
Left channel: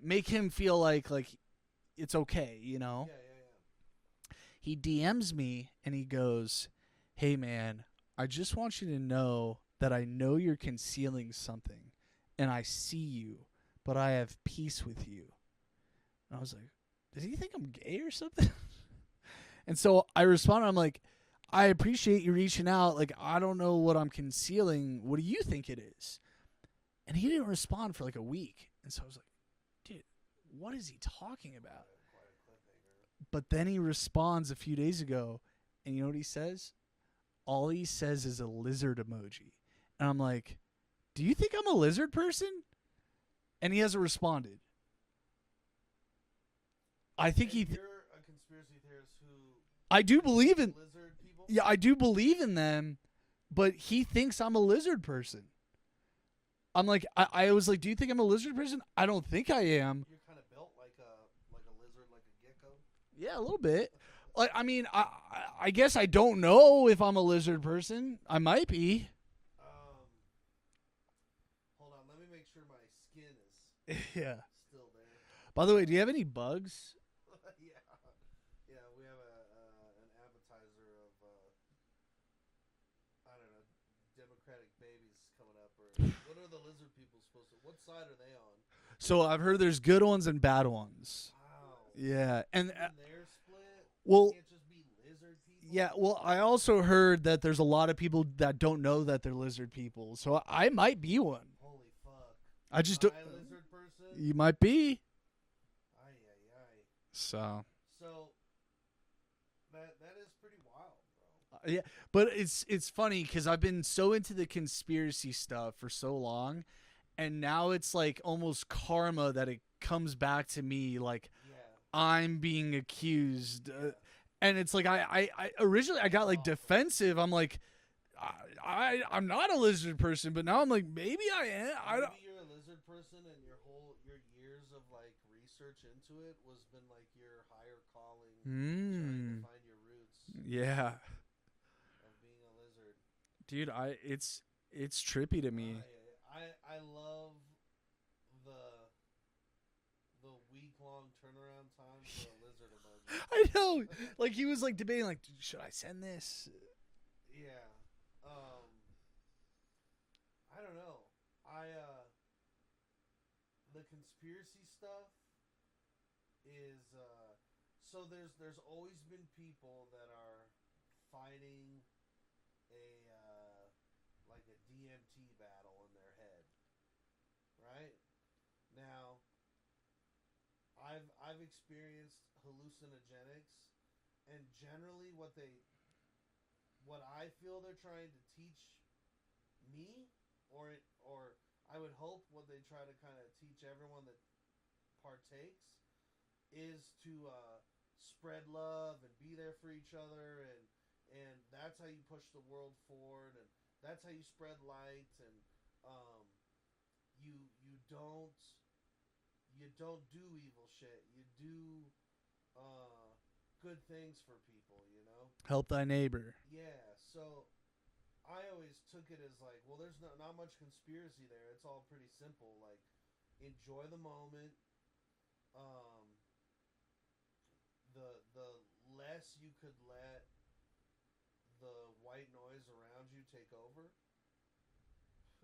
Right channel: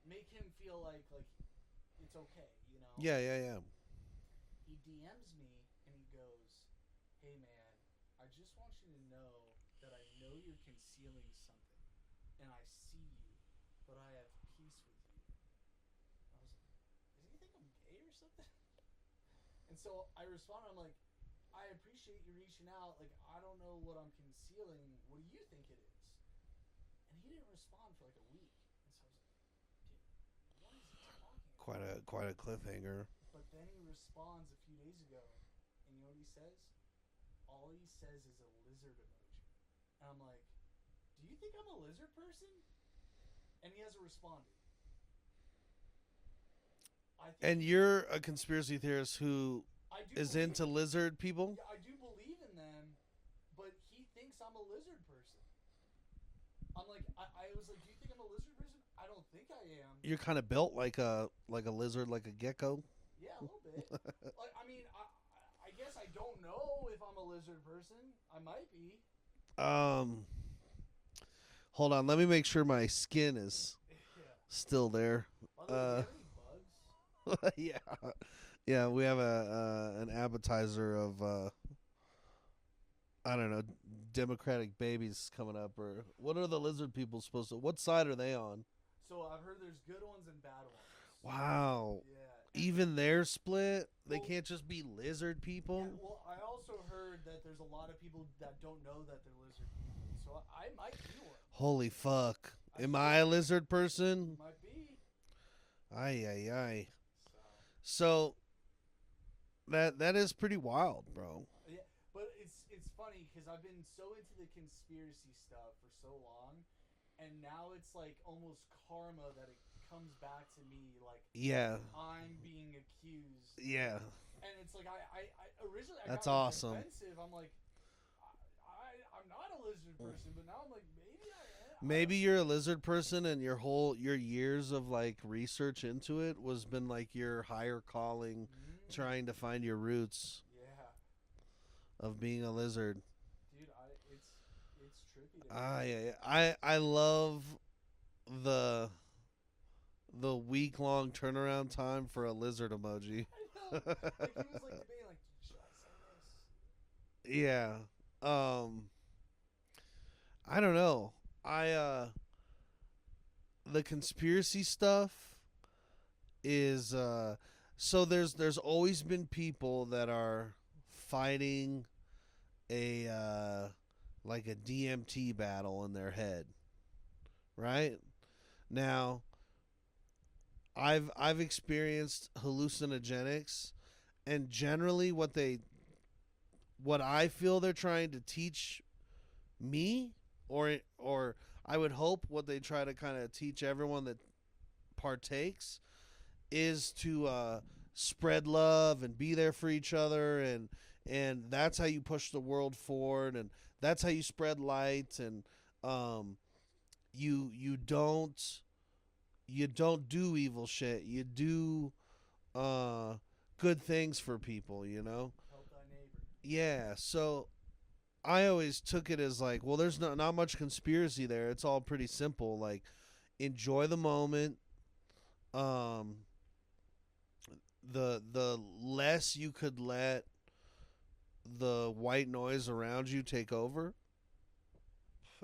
make him feel like it's okay, Yeah. He DMs me and he goes, hey man, I just want you to know that I know you're concealing something, and I see you, but I have peace with you. And I was like, does he think I'm gay or something? And so I responded, I'm like, I appreciate you reaching out. Like, I don't know what I'm concealing. What do you think it is? And he didn't respond for like a week. And so I was like, dude, what is he talking about? Quite a cliffhanger. But then he responds a few days ago, and you know what he says? All he says is a lizard emoji. And I'm like, do you think I'm a lizard person? And he hasn't responded. I think you're a conspiracy theorist who I do believe in lizard people? Yeah, I do believe in them, but he thinks I'm a lizard person. I'm like, I was like, do you think I'm a lizard person? I don't think I am. You're kind of built like a lizard, like a gecko. Yeah, a little bit. Like, I mean, I guess I don't know if I'm a lizard person. I might be. Hold on, let me make sure my skin is still there. By the way, do you have any bugs? Yeah. We have an appetizer of I don't know, Democratic babies coming up, or what are the lizard people supposed to? What side are they on? So I've heard there's good ones and bad ones. Wow. Yeah. And even they're split? Well, they can't just be lizard people? Yeah, well, I also heard that there's a lot of people that don't know that they're lizard people. So I might be one. Holy fuck. Am I a lizard person? You might be. Aye. So that is pretty wild, bro. Yeah, but it's funny because I've been so into the conspiracy stuff for so long. And now it's like almost karma that it comes back to me, like I'm being accused. Yeah. And it's like I originally I got like defensive. I'm like I'm not a lizard person, but now I'm like maybe I am. Maybe you're a lizard person, and your years of like research into it was been like your higher calling, trying to find your roots. Yeah. Of being a lizard, dude. It's trippy to me. I love the week-long turnaround time for a lizard emoji. I know. Like he was like debating, like, should I send this? Yeah. I don't know. The conspiracy stuff is so there's always been people that are fighting a like a DMT battle in their head, right? Now, I've experienced hallucinogenics, and generally what I feel they're trying to teach me, or I would hope what they try to kind of teach everyone that partakes, is to spread love and be there for each other, and that's how you push the world forward, and that's how you spread light, and you don't do evil shit. You do good things for people, Help thy neighbor. Yeah, so I always took it as like, well, there's not much conspiracy there. It's all pretty simple. Like, enjoy the moment. The less you could let the white noise around you take over,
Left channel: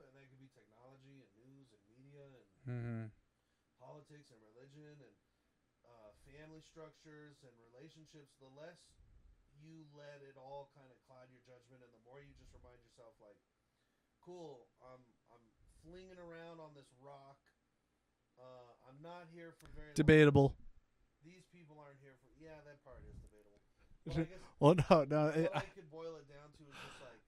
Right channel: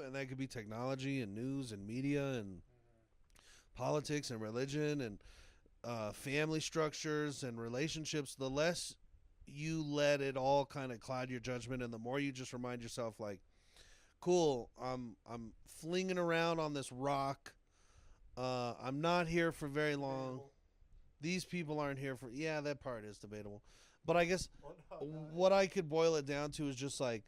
and that could be technology and news and media and politics and religion and family structures and relationships, the less you let it all kind of cloud your judgment, and the more you just remind yourself, like, cool, I'm flinging around on this rock, I'm not here for very long. Debatable. These people aren't here for, that part is debatable. But I guess Well, no. what I could boil it down to is just like,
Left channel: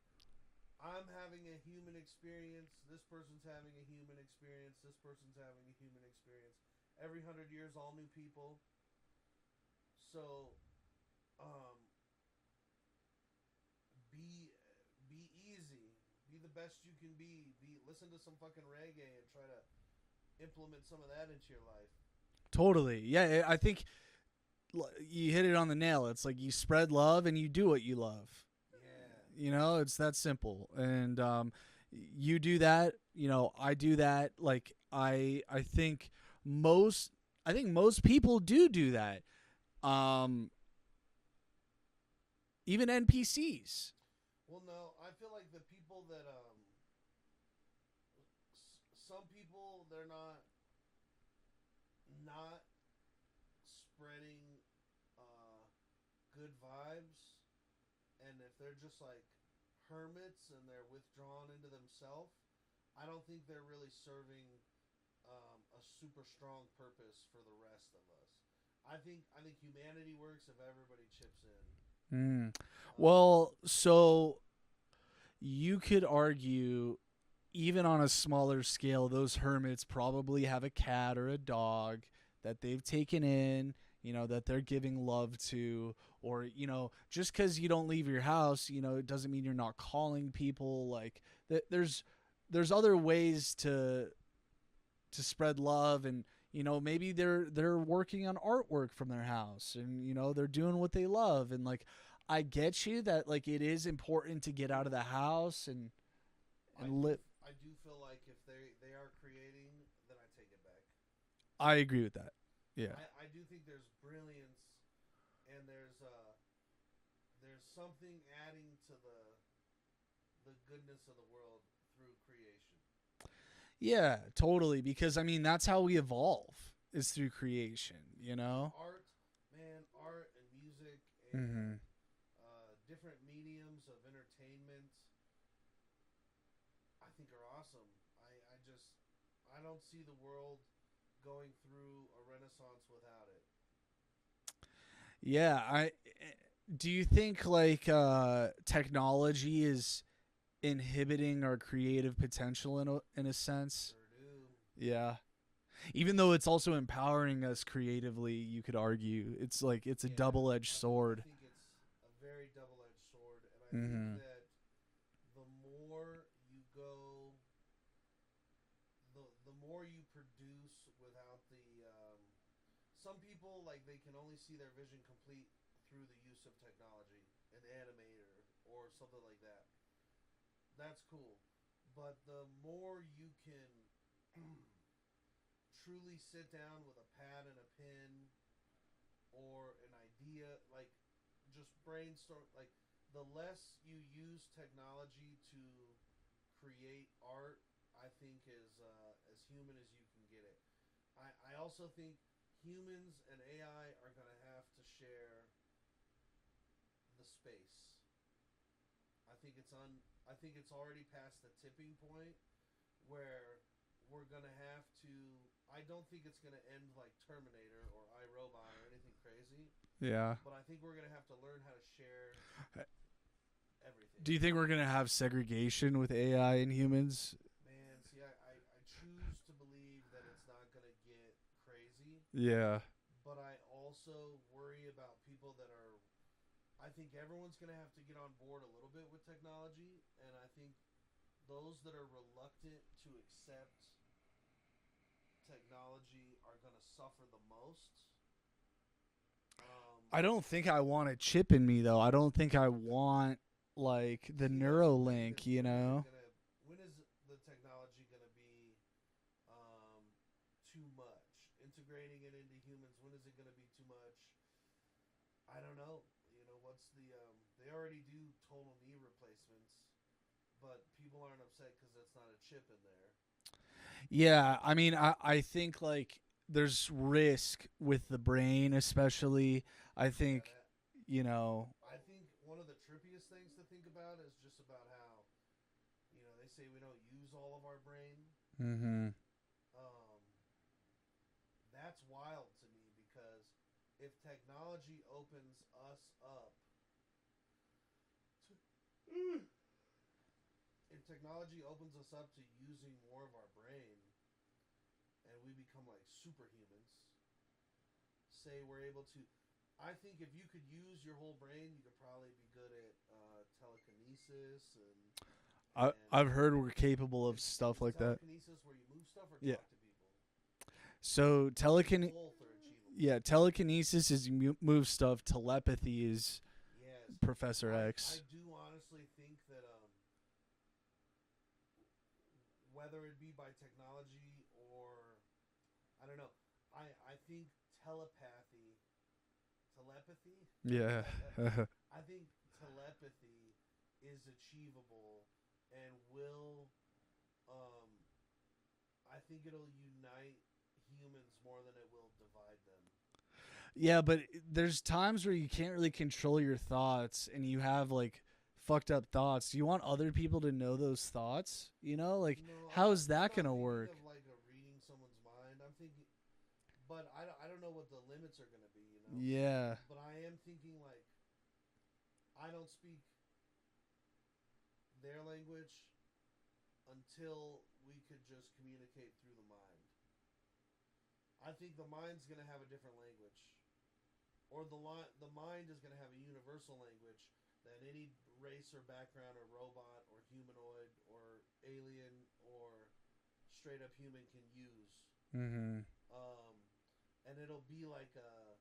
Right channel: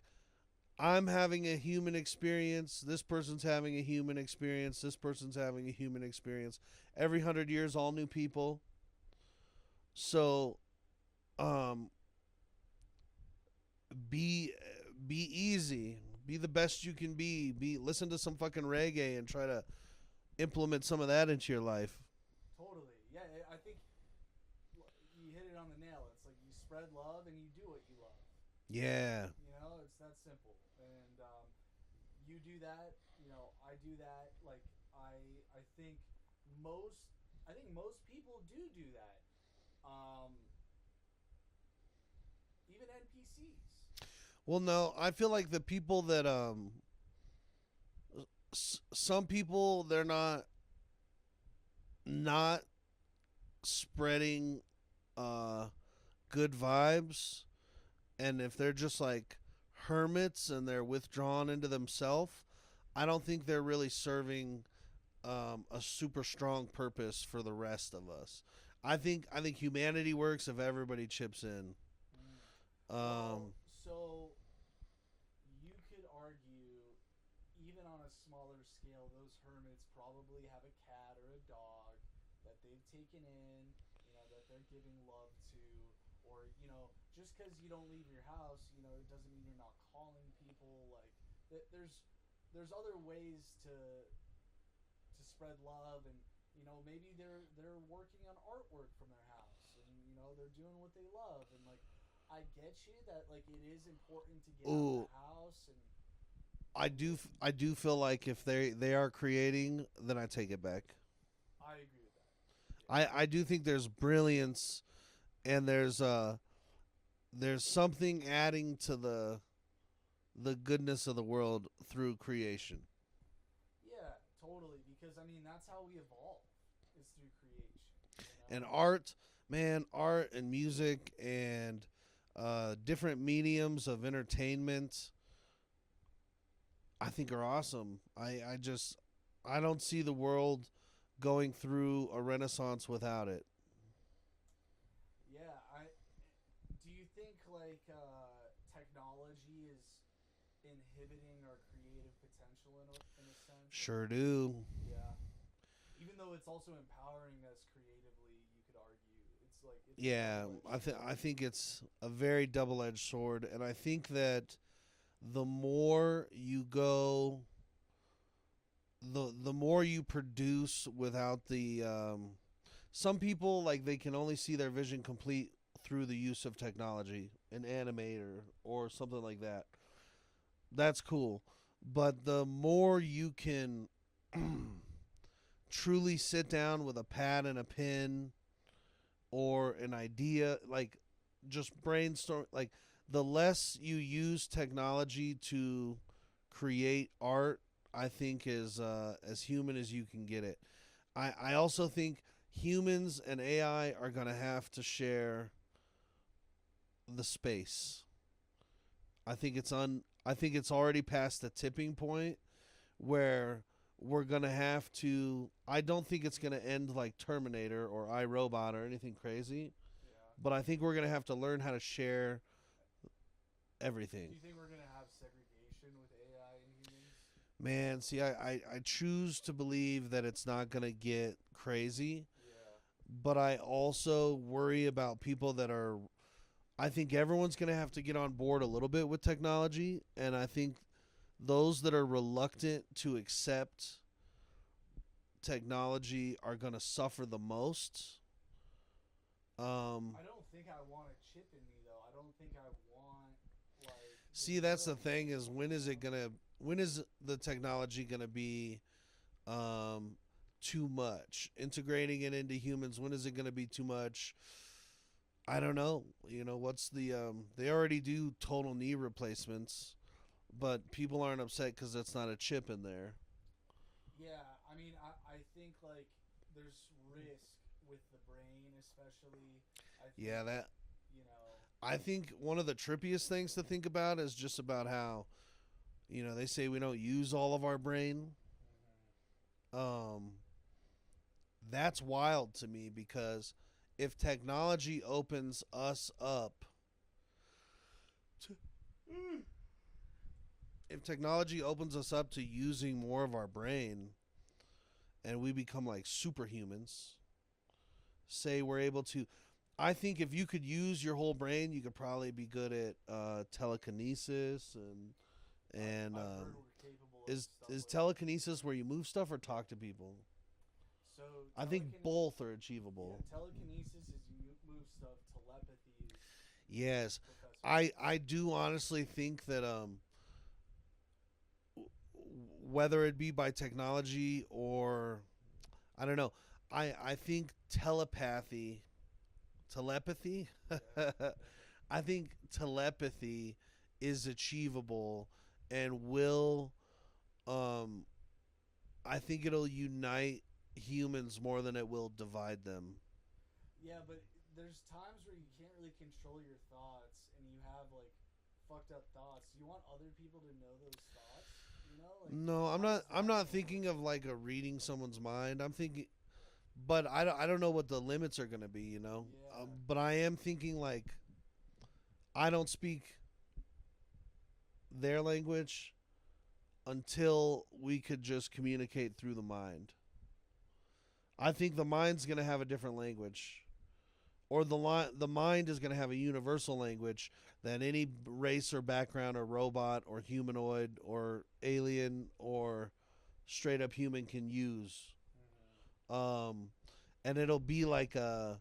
I'm having a human experience. This person's having a human experience. This person's having a human experience. Every 100 years, all new people. So, um, be be easy. Be the best you can be. Listen to some fucking reggae and try to implement some of that into your life. Totally. Yeah, I think you hit it on the nail. It's like you spread love and you do what you love. Yeah. You know, it's that simple. And you do that, you know, I do that. Like I think most people do that. Even NPCs. Well, no, I feel like the people that some people, they're not spreading good vibes, and if they're just like hermits and they're withdrawn into themselves, I don't think they're really serving a super strong purpose for the rest of us. I think humanity works if everybody chips in. Well, so you could argue, even on a smaller scale, those hermits probably have a cat or a dog that they've taken in, you know, that they're giving love to. Or, you know, just because you don't leave your house, you know, it doesn't mean you're not calling people. Like, there's other ways to spread love, and you know, maybe they're working on artwork from their house, and you know, they're doing what they love. And like, I get you that like it is important to get out of the house, and I do feel like if they are creating, then I take it back. I agree with that. Yeah, I do think there's brilliance, and there's something adding to the goodness of the world through creation. yeah, totally. Because I mean, that's how we evolve, is through creation. You know, And art, man, art and music and different mediums of entertainment, I think are awesome. I don't see the world going through a renaissance without it. Yeah, do you think like technology is inhibiting our creative potential in a sense? Sure do. Yeah. Even though it's also empowering us creatively, you could argue it's like it's a double-edged sword. I think it's a very double-edged sword, and I think that the more you go, the more you produce without the some people, like, they can only see their vision complete through the use of technology, an animator or something like that. That's cool. But the more you can truly sit down with a pad and a pen or an idea, like just brainstorm, like the less you use technology to create art, I think is as human as you can get it. I also think humans and AI are going to have to share the space. I think it's already past the tipping point where we're going to have to, I don't think it's going to end like Terminator or iRobot or anything crazy, Yeah. but I think we're going to have to learn how to share everything. Do you think we're gonna have segregation with AI and humans? Man, see, I choose to believe that it's not going to get crazy, Yeah. but I also worry about people that are, I think everyone's going to have to get on board a little bit with technology, and I think those that are reluctant to accept technology are going to suffer the most. I don't think I want a chip in me though. I don't think I want like the See, Neuralink. that's the thing, is you know? when is the technology gonna be too much? Integrating it into humans, when is it gonna be too much? I don't know. You know, what's the they already do total knee replacements, but people aren't upset because that's not a chip in there. Yeah, I mean, I think like there's risk with the brain, especially. I think Yeah, that you know. I think one of the trippiest things to think about is just about how, you know, they say we don't use all of our brain. Mm-hmm. That's wild to me because if technology opens us up to, if technology opens us up to using more of our brain and we become like superhumans, say we're able to, I think if you could use your whole brain, you could probably be good at telekinesis I've heard we're capable of is, stuff is like that. telekinesis where you move stuff or Yeah. talk to people? So I think both are achievable. Yeah, telekinesis is you move stuff. Telepathy is Yes. Professor I X. I do honestly think that whether it be by technology or I don't know, I think telepathy Yeah. I think telepathy is achievable and will I think it'll unite humans more than it will divide them. Yeah, but there's times where you can't really control your thoughts and you have like fucked up thoughts. Do you want other people to know those thoughts? You know, like No, how is that I'm not gonna thinking work? of like a reading someone's mind. I'm thinking, but I don't know what the limits are gonna be. You know. Yeah. But I am thinking like, I don't speak their language until we could just communicate through the mind. I think the mind's gonna have a different language, or the mind is gonna have a universal language that any race or background or robot or humanoid or alien or straight up human can use. Mm-hmm. And it'll be like a,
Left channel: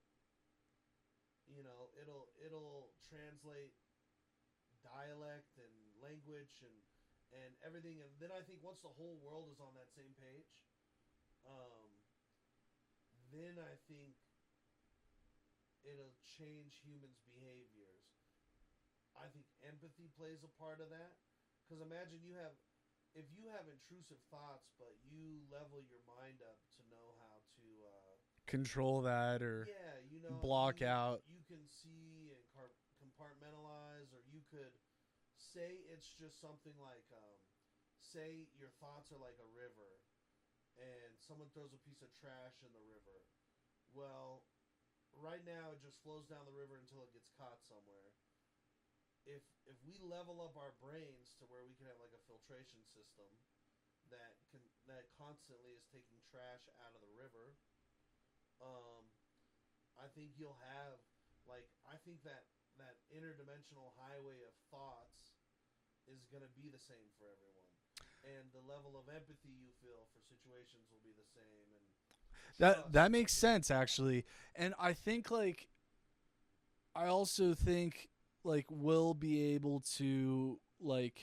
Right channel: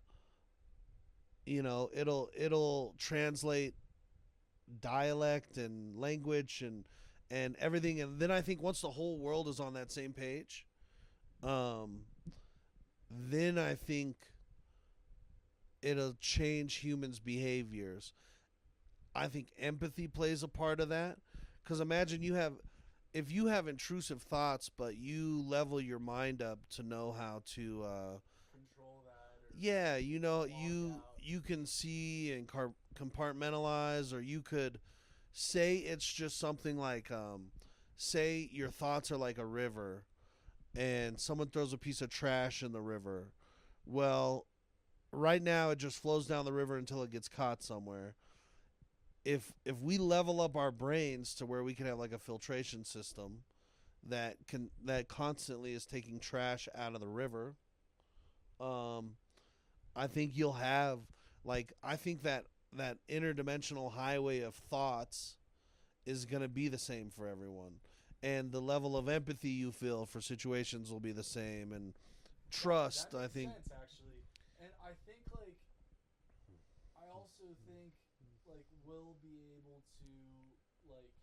it'll translate dialect and language and everything, and then I think once the whole world is on that same page, then I think it'll change humans' behaviors. I think empathy plays a part of that. Because imagine if you have intrusive thoughts, but you level your mind up to know how to, Control that or block out. You can see and compartmentalize, or you could say it's just something like, say your thoughts are like a river, and someone throws a piece of trash in the river. Well, right now it just flows down the river until it gets caught somewhere. If we level up our brains to where we can have like a filtration system that constantly is taking trash out of the river, I think you'll have I think that interdimensional highway of thoughts is going to be the same for everyone, and the level of empathy you feel for situations will be the same, and trust. That makes sense actually, and I think I also think we'll be able to like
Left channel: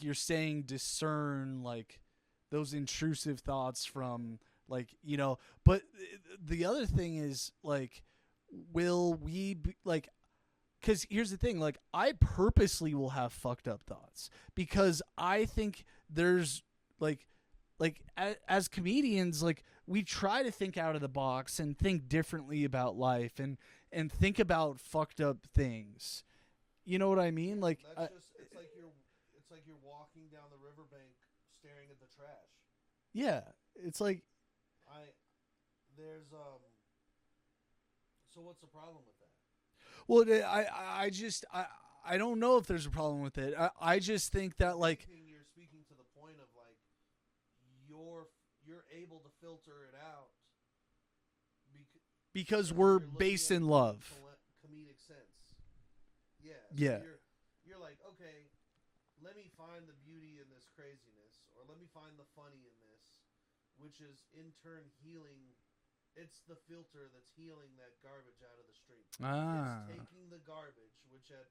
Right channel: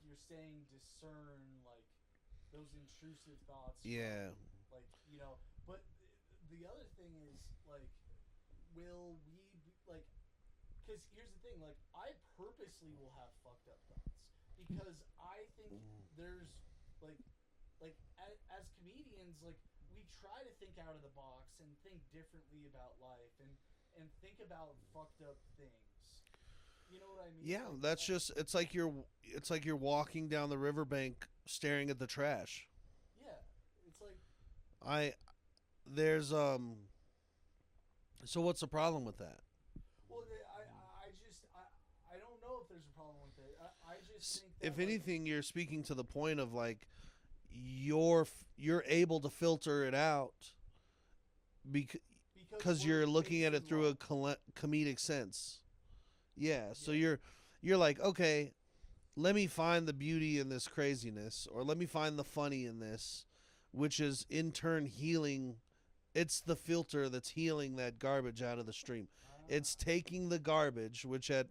you're saying discern those intrusive thoughts from but the other thing is will we be because here's the thing, I purposely will have fucked up thoughts because I think there's as comedians, we try to think out of the box and think differently about life and think about fucked up things. You know what I mean? Yeah, that's it's like you're walking down the riverbank staring at the trash. Yeah, it's there's so what's the problem with that? Well, I don't know if there's a problem with it. I just think that if anything, you're speaking to the point of you're able to filter it out because we're you're looking based at it in through love. a comedic sense. Yeah, so Yeah. you're like, okay, let me find the beauty in this craziness, or let me find the funny in this, which is in turn healing. It's the filter that's healing that garbage out of the stream. It's taking the garbage, which at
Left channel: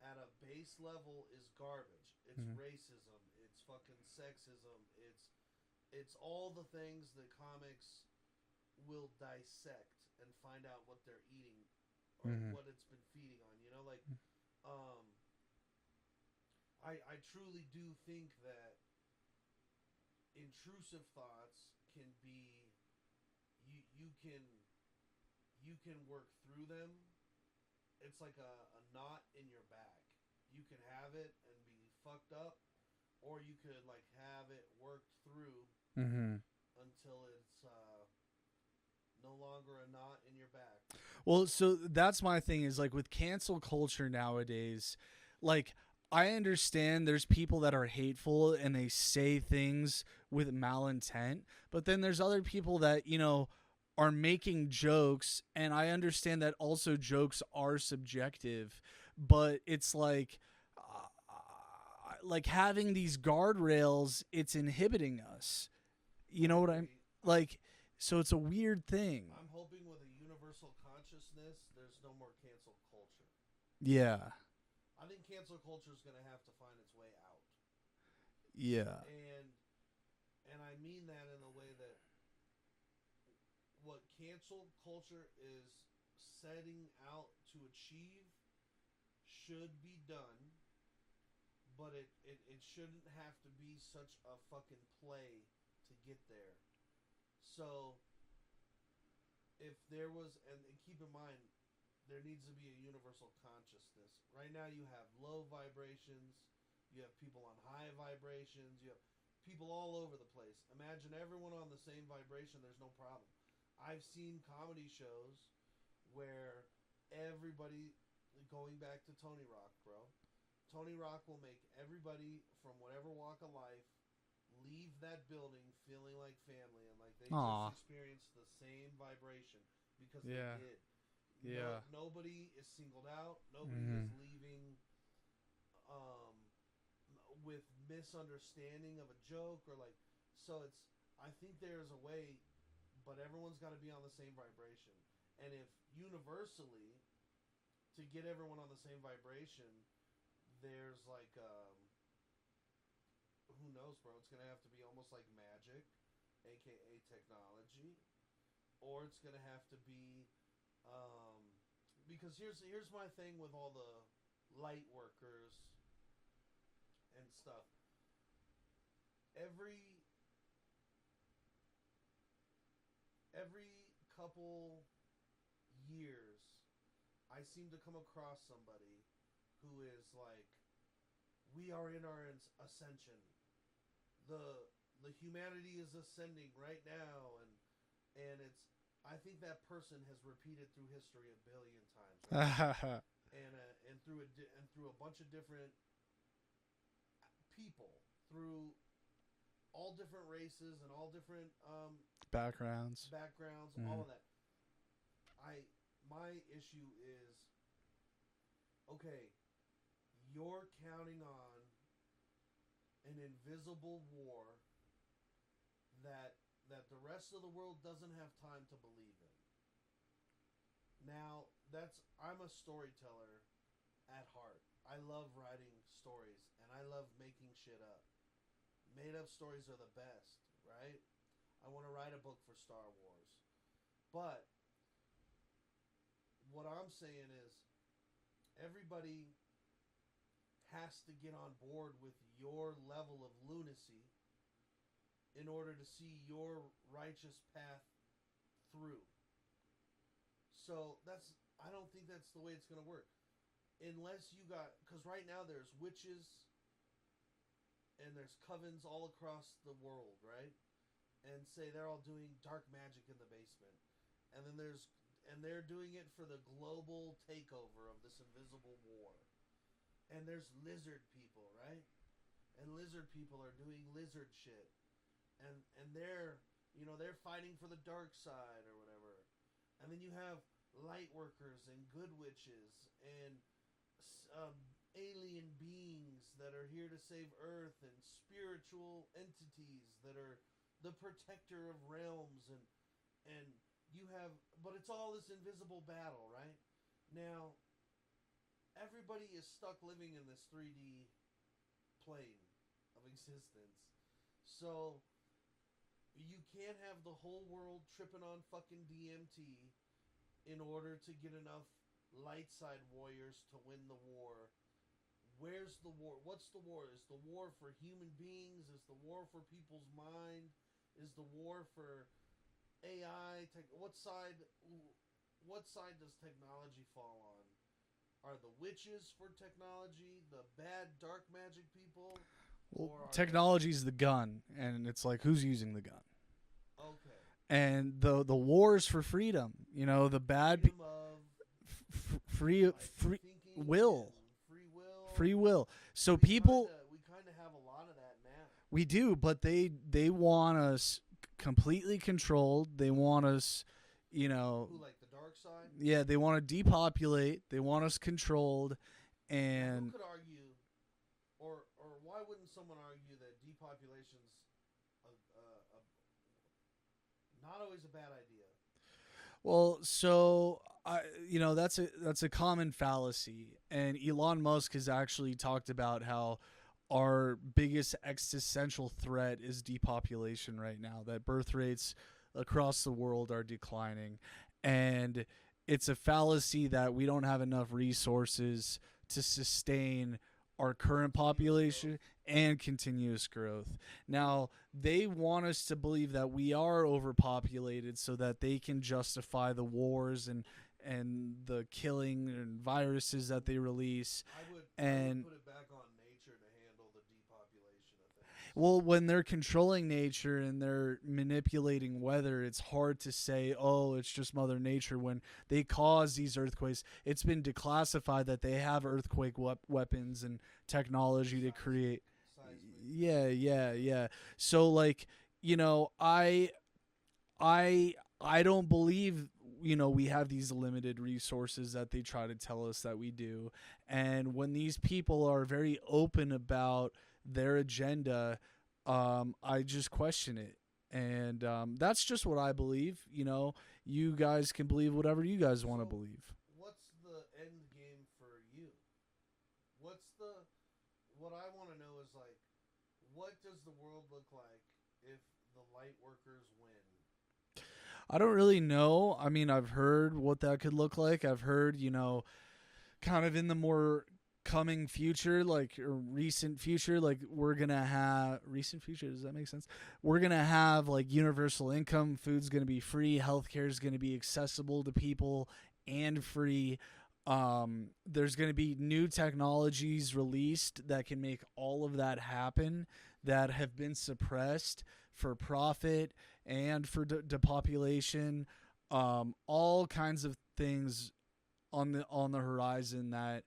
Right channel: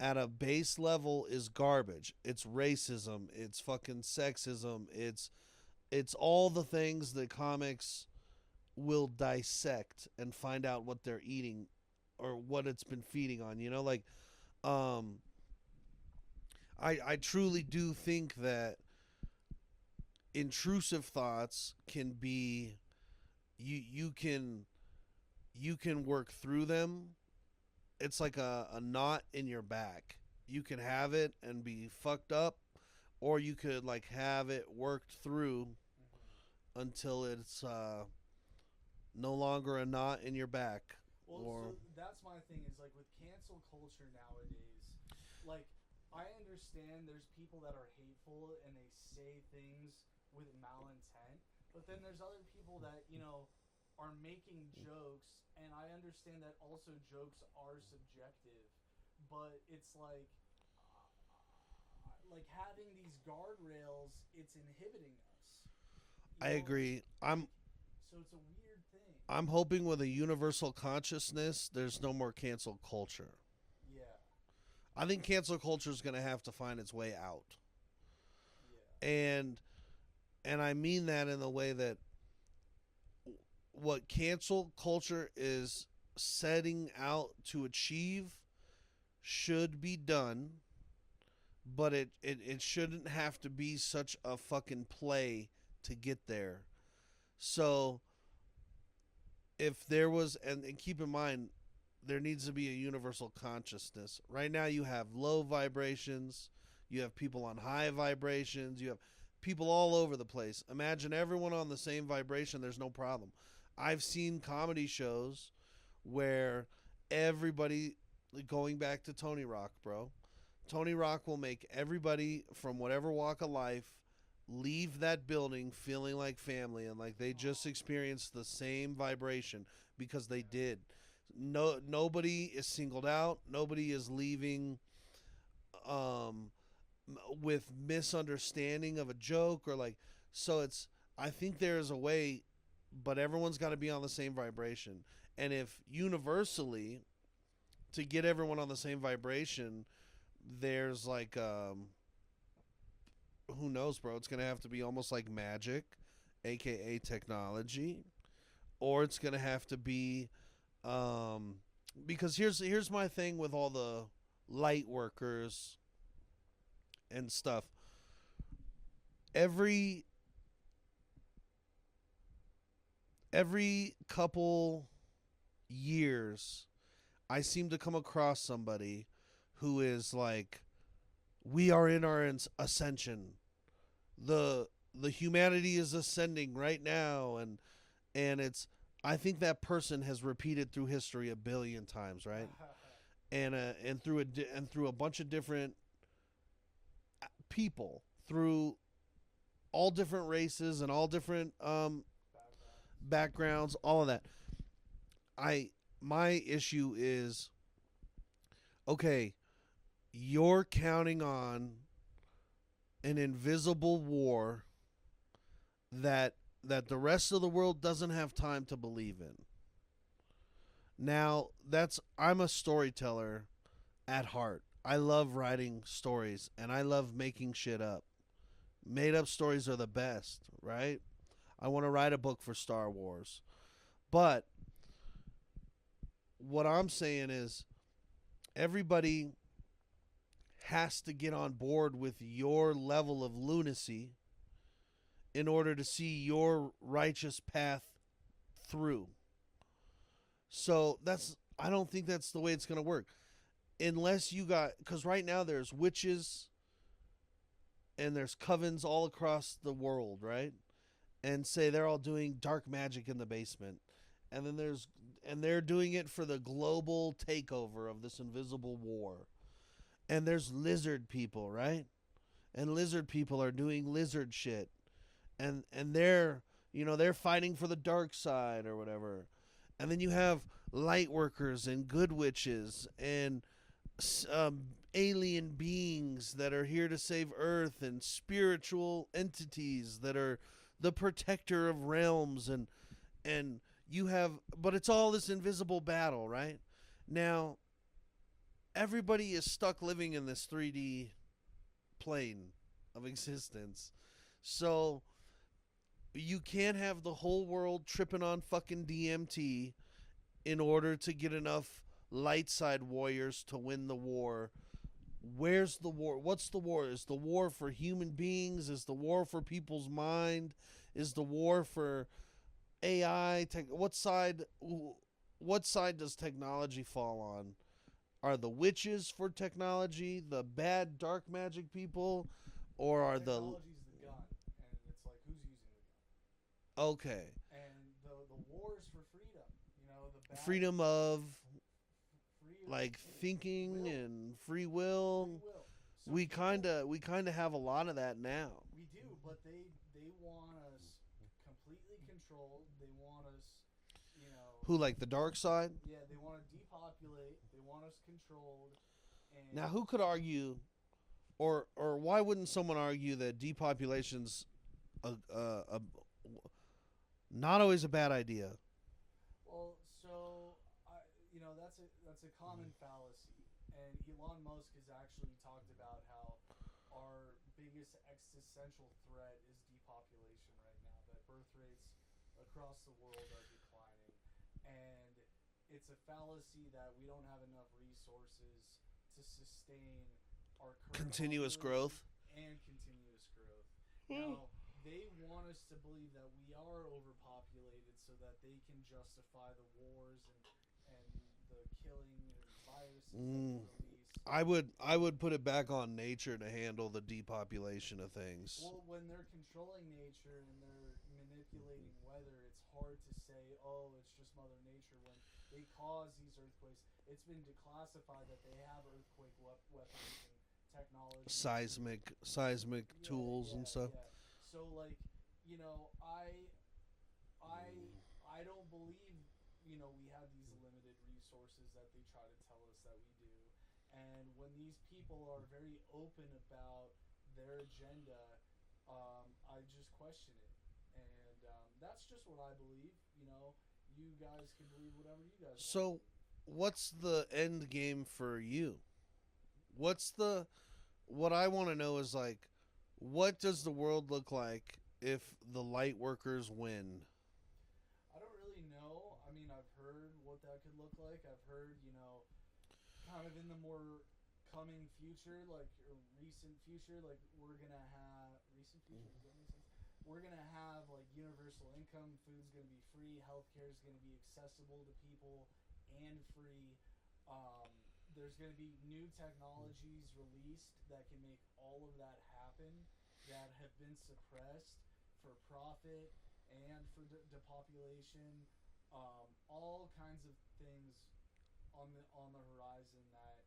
a base level is garbage. It's racism. It's fucking sexism. It's all the things that comics will dissect and find out what they're eating or what it's been feeding on. I truly do think that intrusive thoughts can be you can work through them. It's like a knot in your back. You can have it and be fucked up, or you could have it worked through until it's no longer a knot in your back. Well, Or- so that's my thing is like with cancel culture nowadays, like I understand there's people that are hateful and they say things with malintent, but then there's other people that, are making jokes, and I understand that also jokes are subjective, but it's like having these guardrails, it's inhibiting us. You know I what agree. I like? So it's a weird thing. I'm hoping with a universal consciousness, there's no more cancel culture. Yeah. I think cancel culture is going to have to find its way out. Yeah. And I mean that in the way that what cancel culture is setting out to achieve should be done, but it shouldn't have to be such a fucking play to get there. So if there was, and keep in mind, there needs to be a universal consciousness. Right now you have low vibrations, you have people on high vibrations, you have people all over the place. Imagine everyone on the same vibration, there's no problem. I've seen comedy shows where everybody, going back to Tony Rock, bro, Tony Rock will make everybody from whatever walk of life leave that building feeling like family and like they just Aw. experienced the same vibration because they Yeah. did. Yeah. Nobody is singled out. Nobody is leaving with misunderstanding of a joke or like, so it's, I think there is a way, but everyone's got to be on the same vibration. And if universally to get everyone on the same vibration, there's like who knows, bro, it's going to have to be almost like magic, aka technology, or it's going to have to be because here's my thing with all the light workers and stuff. Every couple years I seem to come across somebody who is like, we are in our ascension. The humanity is ascending right now, and it's, I think that person has repeated through history a billion times, right? and through a bunch of different people, through all different races and all different backgrounds, all of that. My issue is, okay, you're counting on an invisible war that the rest of the world doesn't have time to believe in. Now, I'm a storyteller at heart. I love writing stories and I love making shit up. Made up stories are the best, right? I want to write a book for Star Wars. But what I'm saying is everybody has to get on board with your level of lunacy in order to see your righteous path through. So I don't think that's the way it's going to work. Unless you got, because right now there's witches and there's covens all across the world, right? And say they're all doing dark magic in the basement. And then they're doing it for the global takeover of this invisible war. And there's lizard people, right? And lizard people are doing lizard shit. And they're fighting for the dark side or whatever. And then you have light workers and good witches and alien beings that are here to save Earth and spiritual entities that are the protector of realms and you have, but it's all this invisible battle, right? Now, everybody is stuck living in this 3D plane of existence. So you can't have the whole world tripping on fucking DMT in order to get enough light side warriors to win the war. Where's the war? What's the war? Is the war for human beings? Is the war for people's mind? Is the war for AI? What side does technology fall on? Are the witches for technology, the bad dark magic people, or are Technology's the gun, and it's like, who's using the gun? Okay. and the wars for freedom. You know, the bad Freedom of free like free thinking will. and free will. free will. So we people we kind of have a lot of that now. we do, but they want us completely controlled. They want us, you know, Who, like the dark side? yeah, they want to depopulate. They want us controlled. And Now, who could argue, or why wouldn't someone argue that depopulation's a not always a bad idea? Well, so you know, that's a common fallacy, and Elon Musk has actually talked about how our biggest existential threat is depopulation right now. That birth rates across the world are declining, and it's a fallacy that we don't have enough resources to sustain our current Continuous population growth. and continuous growth. Now, they want us to believe that we are overpopulated so that they can justify the wars and the killing and viruses that they release. I would And- put it back on nature to handle the depopulation of things. Well, when they're controlling nature and they're manipulating weather, it's hard to say, oh, it's just Mother Nature. When they cause these earthquakes, it's been declassified that they have earthquake weapons and technology to create. seismic. Yeah, tools and yeah, stuff. yeah. So, like, you know, I don't believe, you know, we have these limited resources that they try to tell us that we do. And when these people are very open about their agenda, I just question it. And that's just what I believe. You know, you guys can believe whatever you guys want to So- believe. What's the end game for you? What I want to know is, like, what does the world look like if the light workers win? I don't really know. I mean, I've heard what that could look like. I've heard, you know, kind of in the more coming future, like, or recent future, like, we're going to have recent future. Does that make sense? We're going to have like universal income. Food's going to be free. Healthcare is going to be accessible to people and free. There's going to be new technologies released that can make all of that happen that have been suppressed for profit and for depopulation. All kinds of things on the horizon that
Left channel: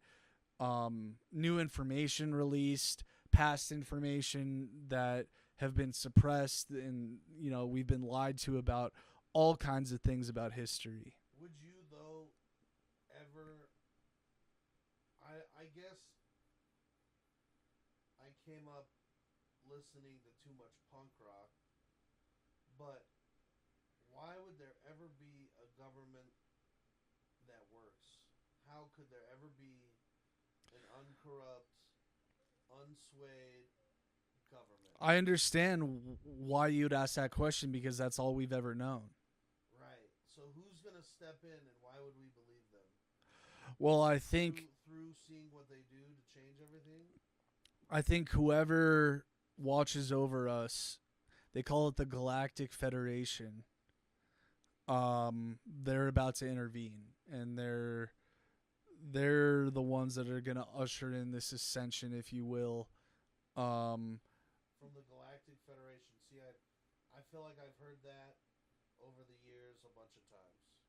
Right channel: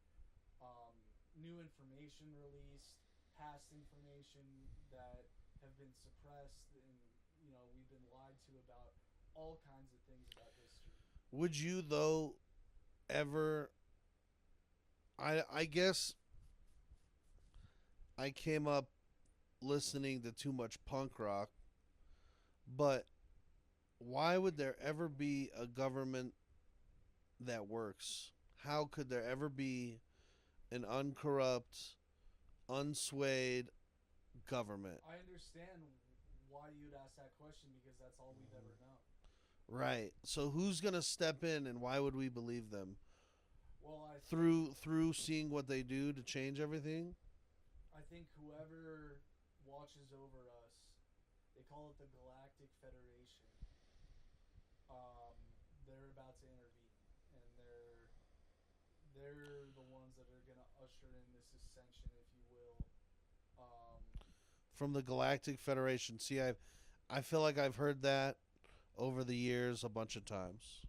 new information released, past information that have been suppressed, and, you know, we've been lied to about all kinds of things about history. Would you, though, ever... I guess I came up listening to too much punk rock, but why would there ever be a government that works? How could there ever be an uncorrupt, unswayed government? I understand why you'd ask that question, because that's all we've ever known. Right. So who's going to step in, and why would we believe them? Well, I think Through seeing what they do to change everything? whoever watches over us, they call it the Galactic Federation. They're about to intervene, and they're the ones that are going to usher in this ascension, if you will. From the Galactic Federation. See, I feel like I've heard that over the years a bunch of times.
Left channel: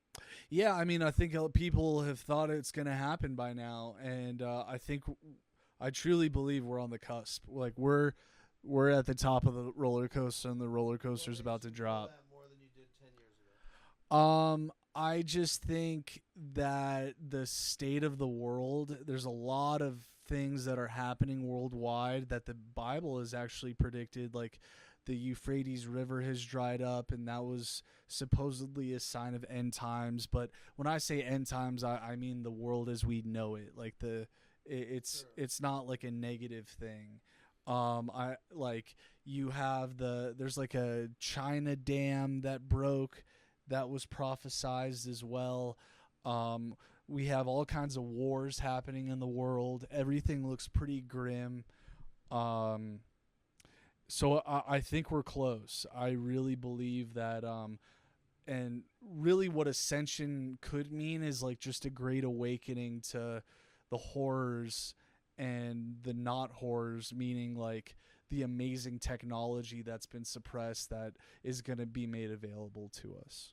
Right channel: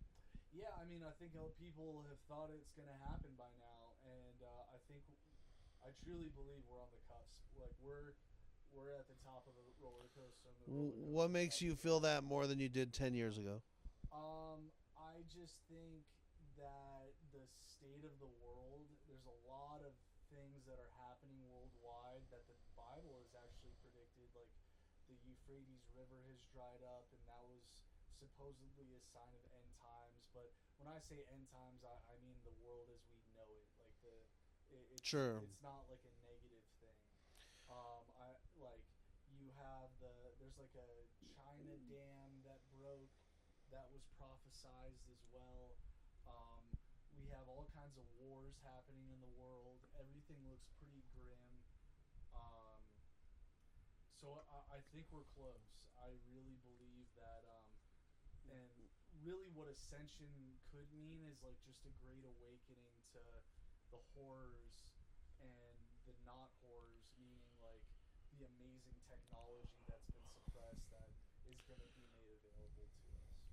Yeah, I mean, I think people have thought it's going to happen by now, and I truly believe we're on the cusp. Like, we're at the top of the roller coaster, and the roller coaster's about to What makes you drop. feel that more than you did 10 years ago? I just think that the state of the world, there's a lot of things that are happening worldwide that the Bible has actually predicted. Like, the Euphrates River has dried up, and that was supposedly a sign of end times. But when I say end times, I mean the world as we know it. Like, Sure. it's not like a negative thing. You have there's like a China dam that broke, that was prophesized as well. We have all kinds of wars happening in the world. Everything looks pretty grim. So I think we're close. I really believe that. And really what ascension could mean is like just a great awakening to the horrors and the not horrors, meaning like the amazing technology that's been suppressed that is going to be made available to us.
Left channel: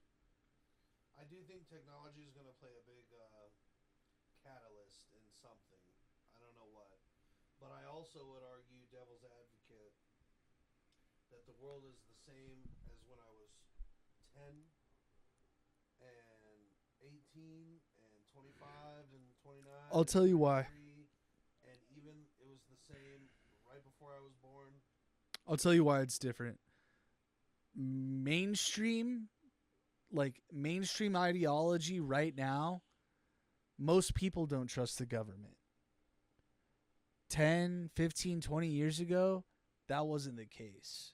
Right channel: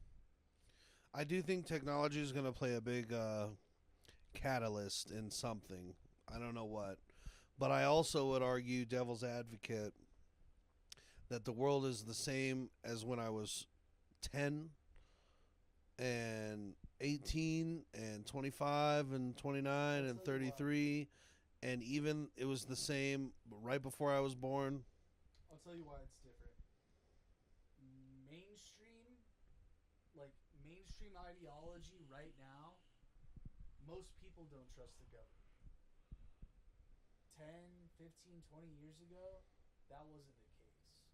I do think technology is going to play a big catalyst in something. I don't know what. But I also would argue, devil's advocate, that the world is the same as when I was 10 and 18 and 25 and 29 I'll and tell you why. 33, and even it was the same right before I was born. I'll tell you why it's different. Mainstream ideology right now, most people don't trust the government. 10, 15, 20 years ago, that wasn't the case.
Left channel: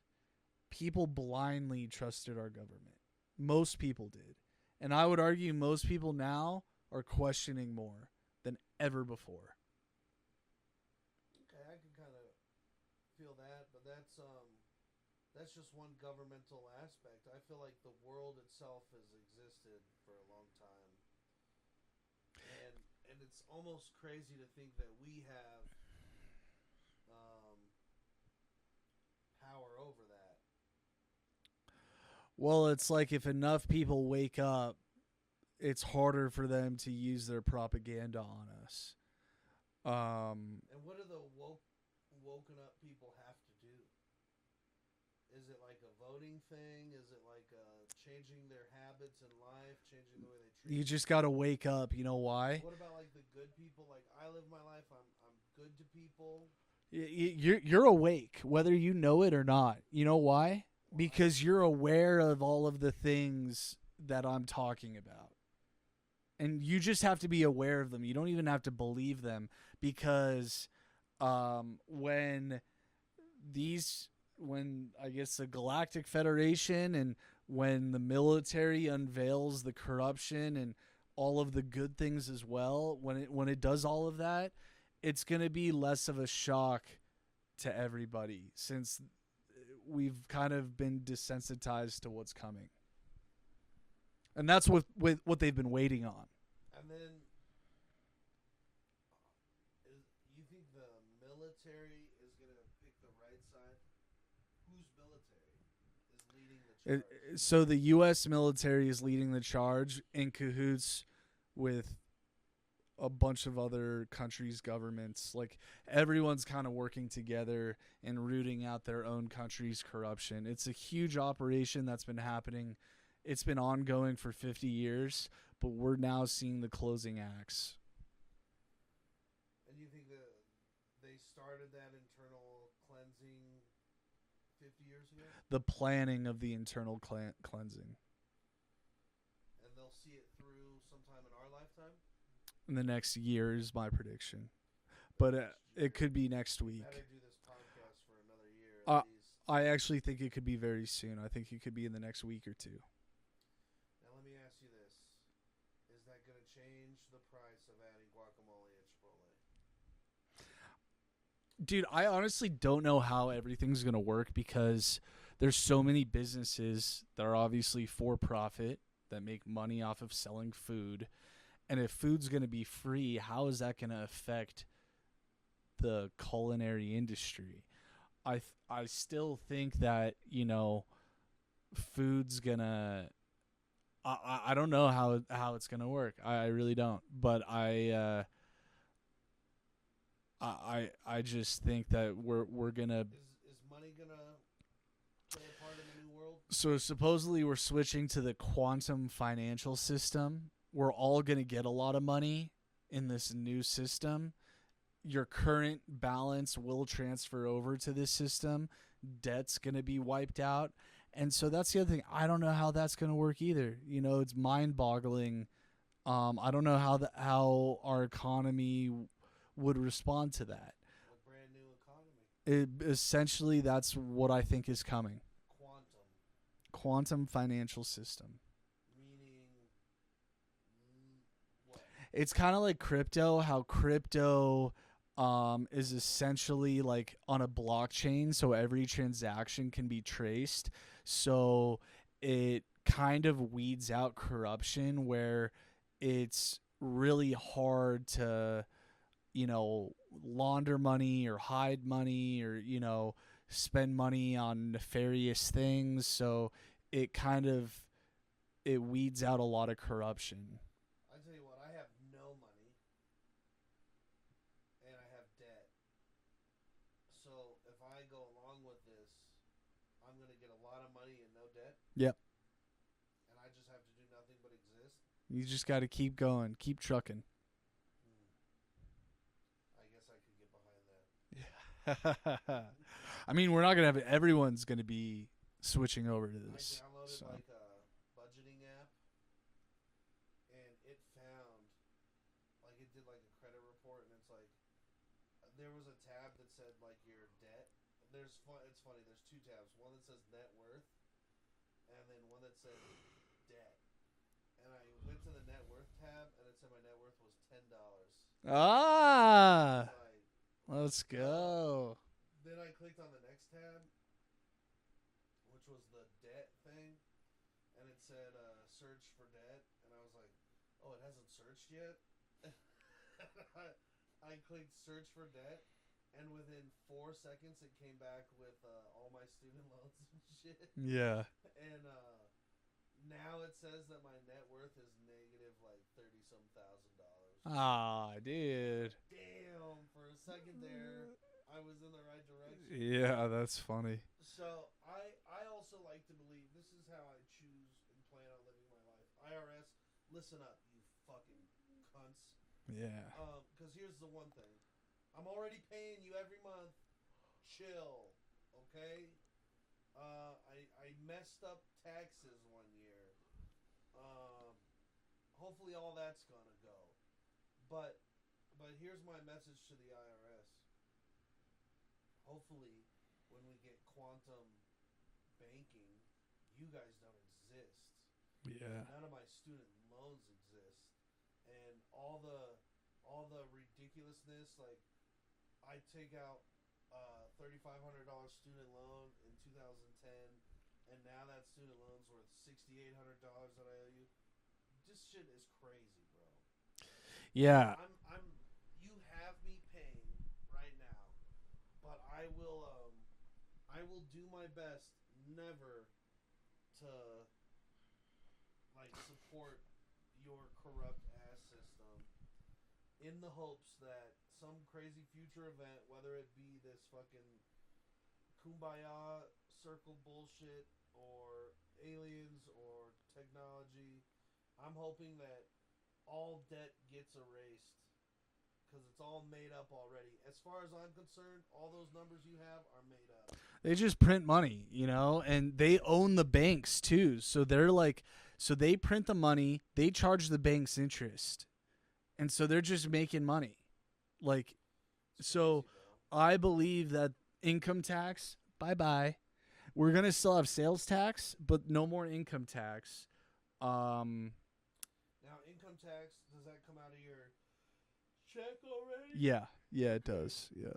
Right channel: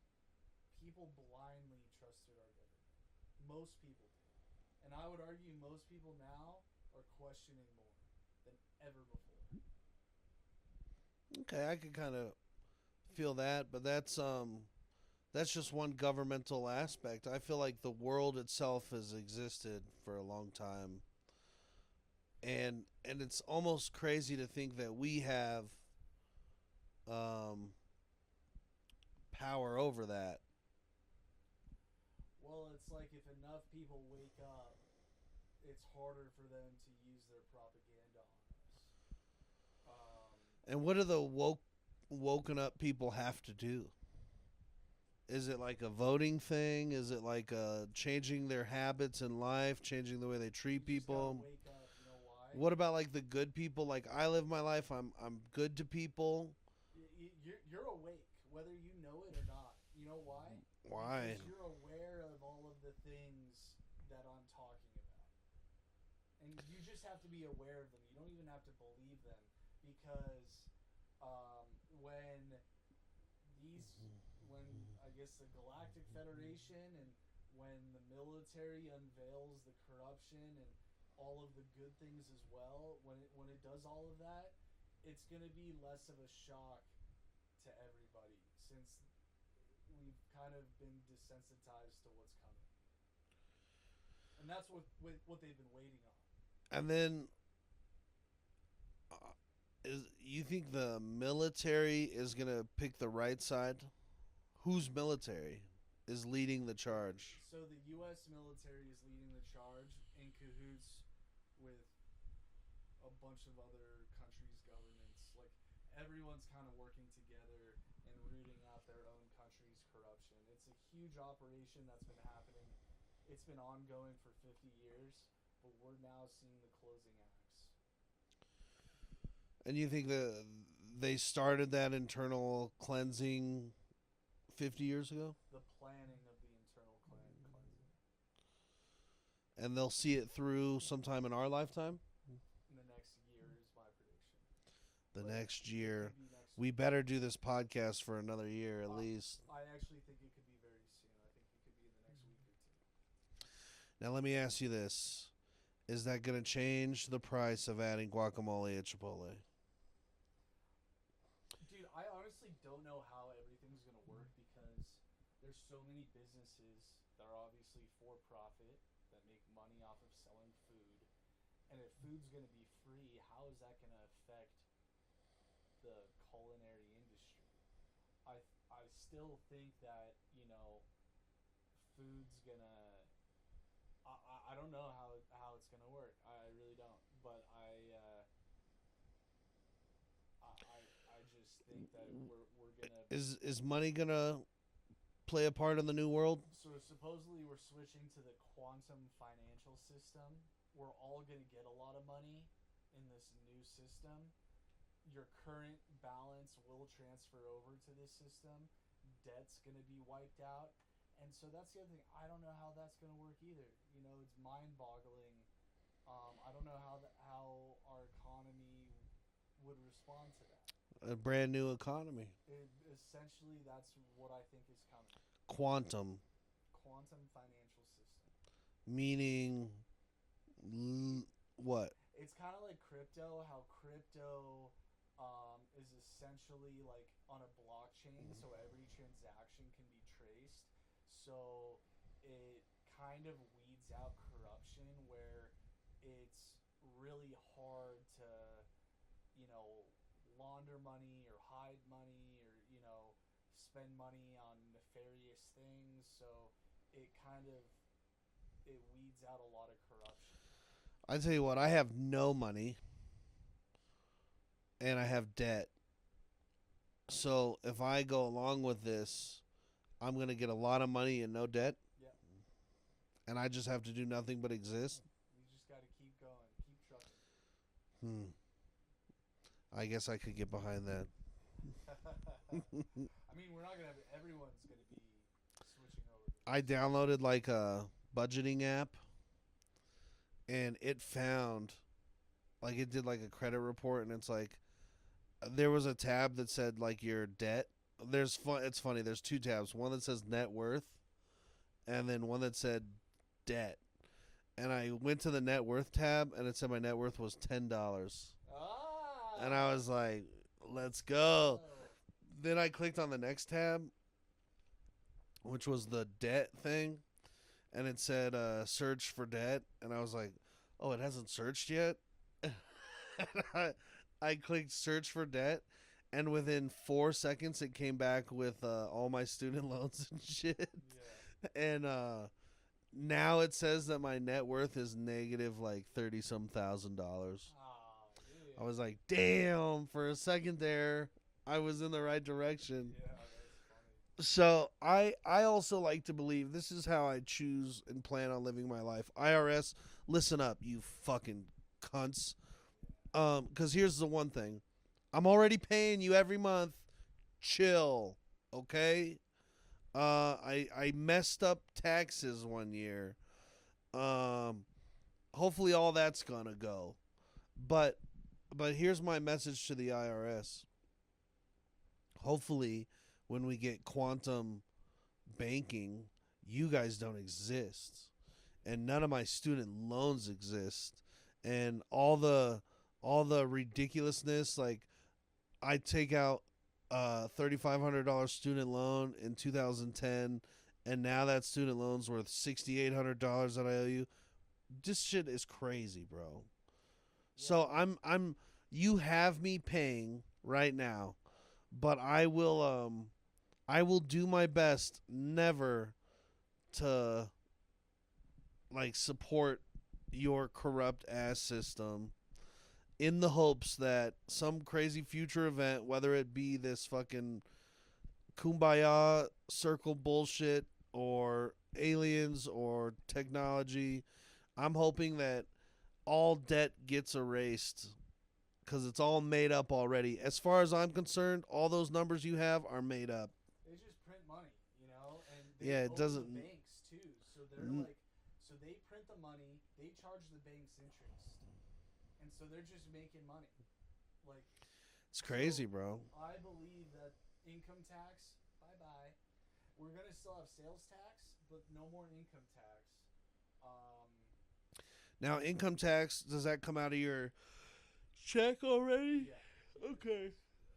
People blindly trusted our government. Most people did. And I would argue most people now are questioning more than ever before. Okay, I can kind of feel that, but that's just one governmental aspect. I feel like the world itself has existed for a long time. And it's almost crazy to think that we have power over that. Well, it's like if enough people wake up, it's harder for them to use their propaganda on us. And what do the woken up people have to do? Is it like a voting thing? Is it like changing their habits in life, changing the way they treat people? You just got to wake up. You know why? What about like the good people? Like I live my life. I'm good to people. You're awake, whether you know it or not. You know why? Because you're aware of all of the things that I'm talking about. And you just have to be aware of them. You don't even have to believe them, because when I guess the Galactic Federation and when the military unveils the corruption and all of the good things as well, when it does all of that, it's going to be less of a shock to everybody, since we've kind of been desensitized to what's coming. And that's what they've been waiting on. And then, you think the military is going to pick the right side? Whose military is leading the charge? So the U.S. military is leading the charge in cahoots with a bunch of other countries' governments. Like, everyone's kind of working together and rooting out their own country's corruption. It's a huge operation that's been happening. It's been ongoing for 50 years, but we're now seeing the closing acts. And you think that they started that internal cleansing 50 years ago? The planning of the internal cleansing. And they'll see it through sometime in our lifetime? In the next year is my prediction. Next year. It could be next week. We better do this podcast for another year at least. I actually think it could be very soon. I think it could be in the next week or two. Now let me ask you this. Is that going to change the price of adding guacamole at Chipotle? Dude, I honestly don't know how everything's going to work, because there's so many businesses that are obviously for profit that make money off of selling food. And if food's going to be free, how is that going to affect the culinary industry? I still think that, food's going to... I don't know how it's going to work. I really don't. But I just think that we're going to... Is money going to play a part in the new world? So supposedly we're switching to the quantum financial system. We're all going to get a lot of money in this new system. Your current balance will transfer over to this system. Debt's going to be wiped out. And so that's the other thing. I don't know how that's going to work either. It's mind-boggling. I don't know how our economy would respond to that. A brand new economy. Essentially, that's what I think is coming. Quantum financial system. Meaning... what? It's kind of like crypto, how crypto is essentially like on a blockchain, so every transaction can be traced. So it kind of weeds out corruption, where it's really hard to, launder money or hide money or, spend money on nefarious things. So it weeds out a lot of corruption. I tell you what, I have no money and I have debt. So if I go along with this, I'm going to get a lot of money and no debt. Yep. And I just have to do nothing but exist. You just got to keep going, keep trucking. I guess I could get behind that. I mean, we're not going to have everyone's going to be switching over to this. I downloaded like a budgeting app and it found like it did like a credit report and it's like there was a tab that said like your debt. It's funny, there's two tabs. One that says net worth and then one that said debt. And I went to the net worth tab and it said my net worth was $10. Ah. And I was like, let's go. Then I clicked on the next tab, which was the debt thing, and it said search for debt, and I was like, oh, it hasn't searched yet. I clicked search for debt, and within 4 seconds it came back with all my student loans and shit. Yeah. And now it says that my net worth is negative like $30-some thousand. Ah, dude. I was like, damn, for a second there I was in the right direction. Yeah, that's funny. So I also like to believe this is how I choose and plan on living my life. IRS, listen up, you fucking cunts. Yeah. Because here's the one thing. I'm already paying you every month. Chill, okay? I messed up taxes one year. Hopefully all that's gonna go. But here's my message to the IRS. Hopefully, when we get quantum banking, you guys don't exist. Yeah. And none of my student loans exist. And all the ridiculousness, like I take out a $3,500 student loan in 2010, and now that student loan's worth $6,800 that I owe you. This shit is crazy, bro. Yeah. So I'm you have me paying right now, but I will do my best never to like support your corrupt ass system in the hopes that some crazy future event, whether it be this fucking kumbaya circle bullshit or aliens or technology, I'm hoping that all debt gets erased because it's all made up already. As far as I'm concerned, all those numbers you have are made up. They just print money, you know, and they own the banks too. So they're like, so they print the money, they charge the banks interest. And so they're just making money. Like, it's crazy, bro. I believe that income tax, bye-bye. We're going to still have sales tax, but no more income tax. Now, income tax, does that come out of your check already? Yeah. Yeah, Okay. it does. Yeah.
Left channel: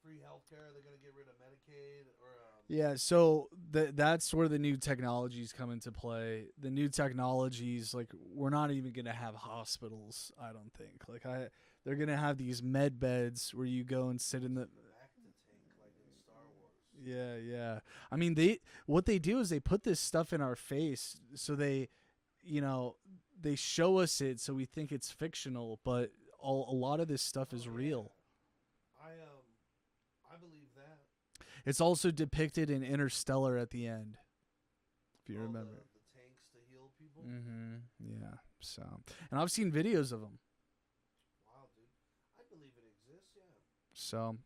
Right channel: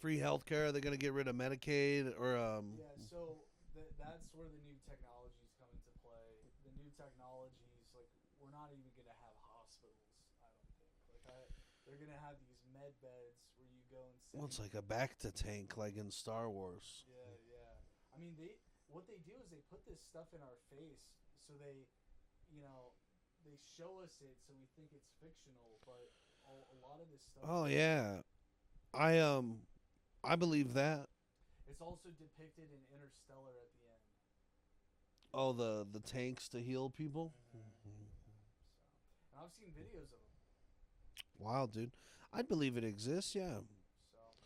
Free healthcare? Are they going to get rid of Medicaid or Yeah, so that's where the new technologies come into play. The new technologies, like, we're not even going to have hospitals, I don't think. Like, they're going to have these med beds where you go and sit well, in it's the... like a back to tank like in Star Wars. Yeah, yeah. I mean, what they do is they put this stuff in our face, so they, you know, they show us it so we think it's fictional, but a lot of this stuff is real. I believe that. It's also depicted in Interstellar at the end. if you Oh, remember. the tanks to heal people? Yeah. So, and I've seen videos of them. Wow, dude. I believe it exists, yeah. So,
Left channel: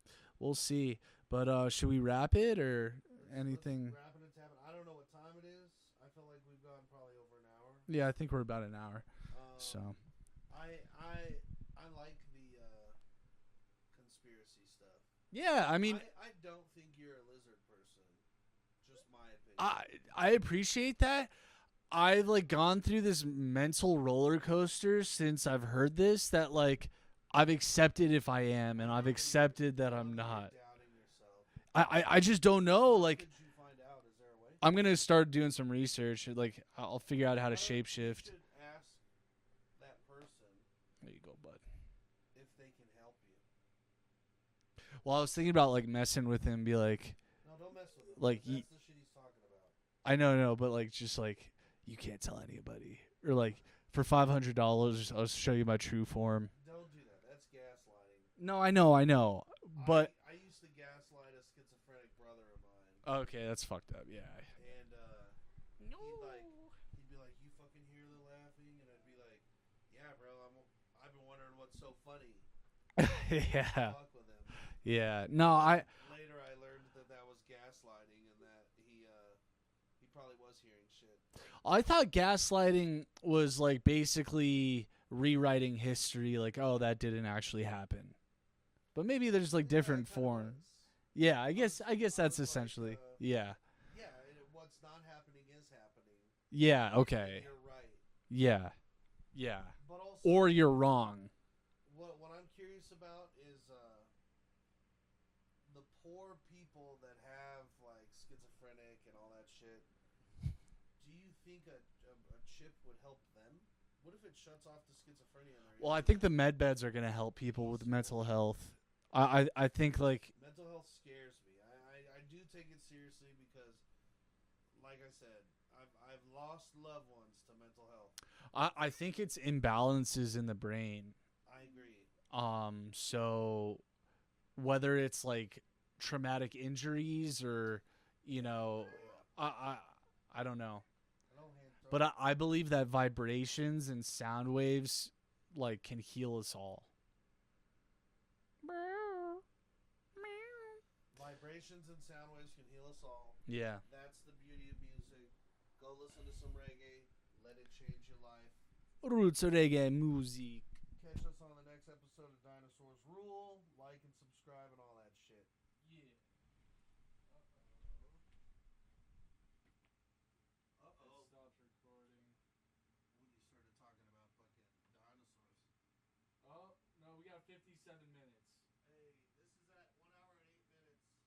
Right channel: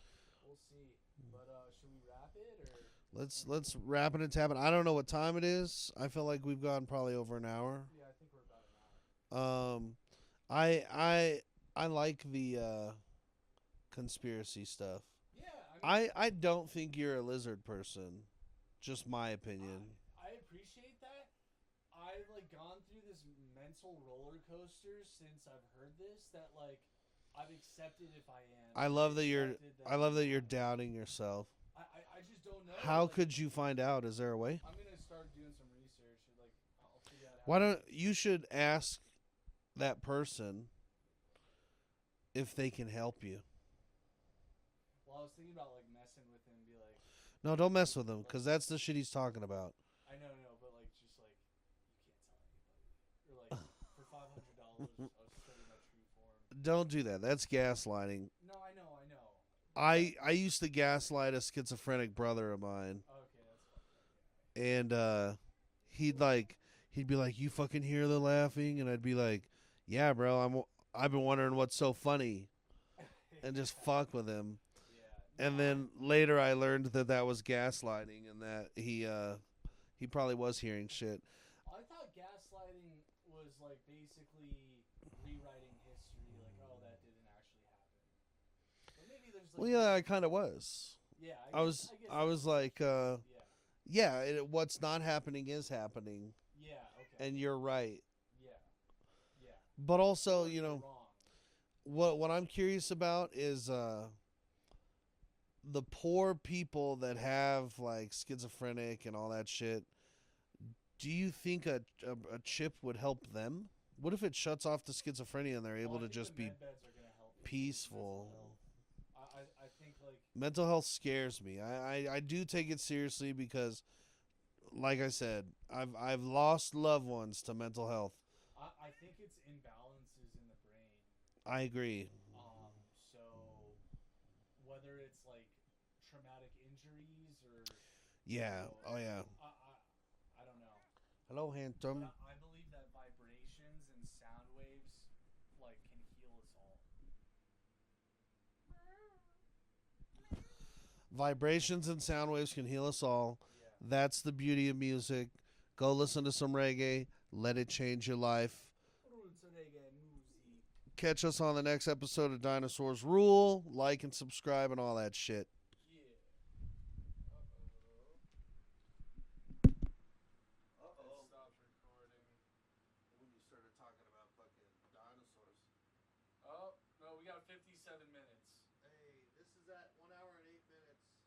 we'll see. But should we wrap it or Let's anything? wrap it and tap it. I don't know what time it is. I feel like we've gone probably over an hour. Yeah, I think we're about an hour. So. I like the conspiracy stuff. Yeah, I mean, I don't think you're a lizard person. Just my opinion. I appreciate that. I've like gone through this mental roller coaster since I've heard this that like I've accepted if I am, and I've accepted that I love I'm that not. you're doubting yourself. I just don't know. How like, could you find out? Is there a way? I'm gonna start doing some research. Like, I'll figure out how to shapeshift. You should ask that person There you go, bud. if they can help you. Well, I was thinking about like messing with him, be like, No, don't mess with him Like, because that's the shit he's talking about. I know, but like just like you can't tell anybody, or like for $500 I'll show you my true form. Don't do that. That's gaslighting. No, I know. But, I used to gaslight a schizophrenic brother of mine, okay, that's fucked up. Yeah. and he'd be like, "You fucking hear the laughing?" And I'd be like, "Yeah, bro. I've been wondering what's so funny," and just fuck with him. Yeah. No, and then later I learned that was gaslighting, and that he probably was hearing shit. I thought gaslighting was like basically rewriting history, like, oh, that didn't actually happen. But maybe there's like different. Yeah, it kind of forms. was. Yeah, I guess that's was essentially. like, yeah. Yeah, what's not happening is happening. Yeah. Okay. And you're right. Yeah. Yeah. But also, or you're wrong. What I'm curious about is the poor people that have like schizophrenic and all that shit. Do you think a chip would help them? What if it shuts off the schizophrenia and they're able Well, I to think the just med beds are gonna help people with mental peaceful? health. I think like Mental health scares me. I do take it seriously because, like I said, I've lost loved ones to mental health. I think it's imbalances in the brain. I agree. So whether it's like traumatic injuries or you know, oh yeah. I don't know. Hello, Hanto. But I believe that vibrations and sound waves like can heal us all. Vibrations and sound waves can heal us all. Yeah. That's the beauty of music. Go listen to some reggae. Let it change your life. Roots reggae music. Catch us on the next episode of Dinosaurs Rule. Like and subscribe and all that shit.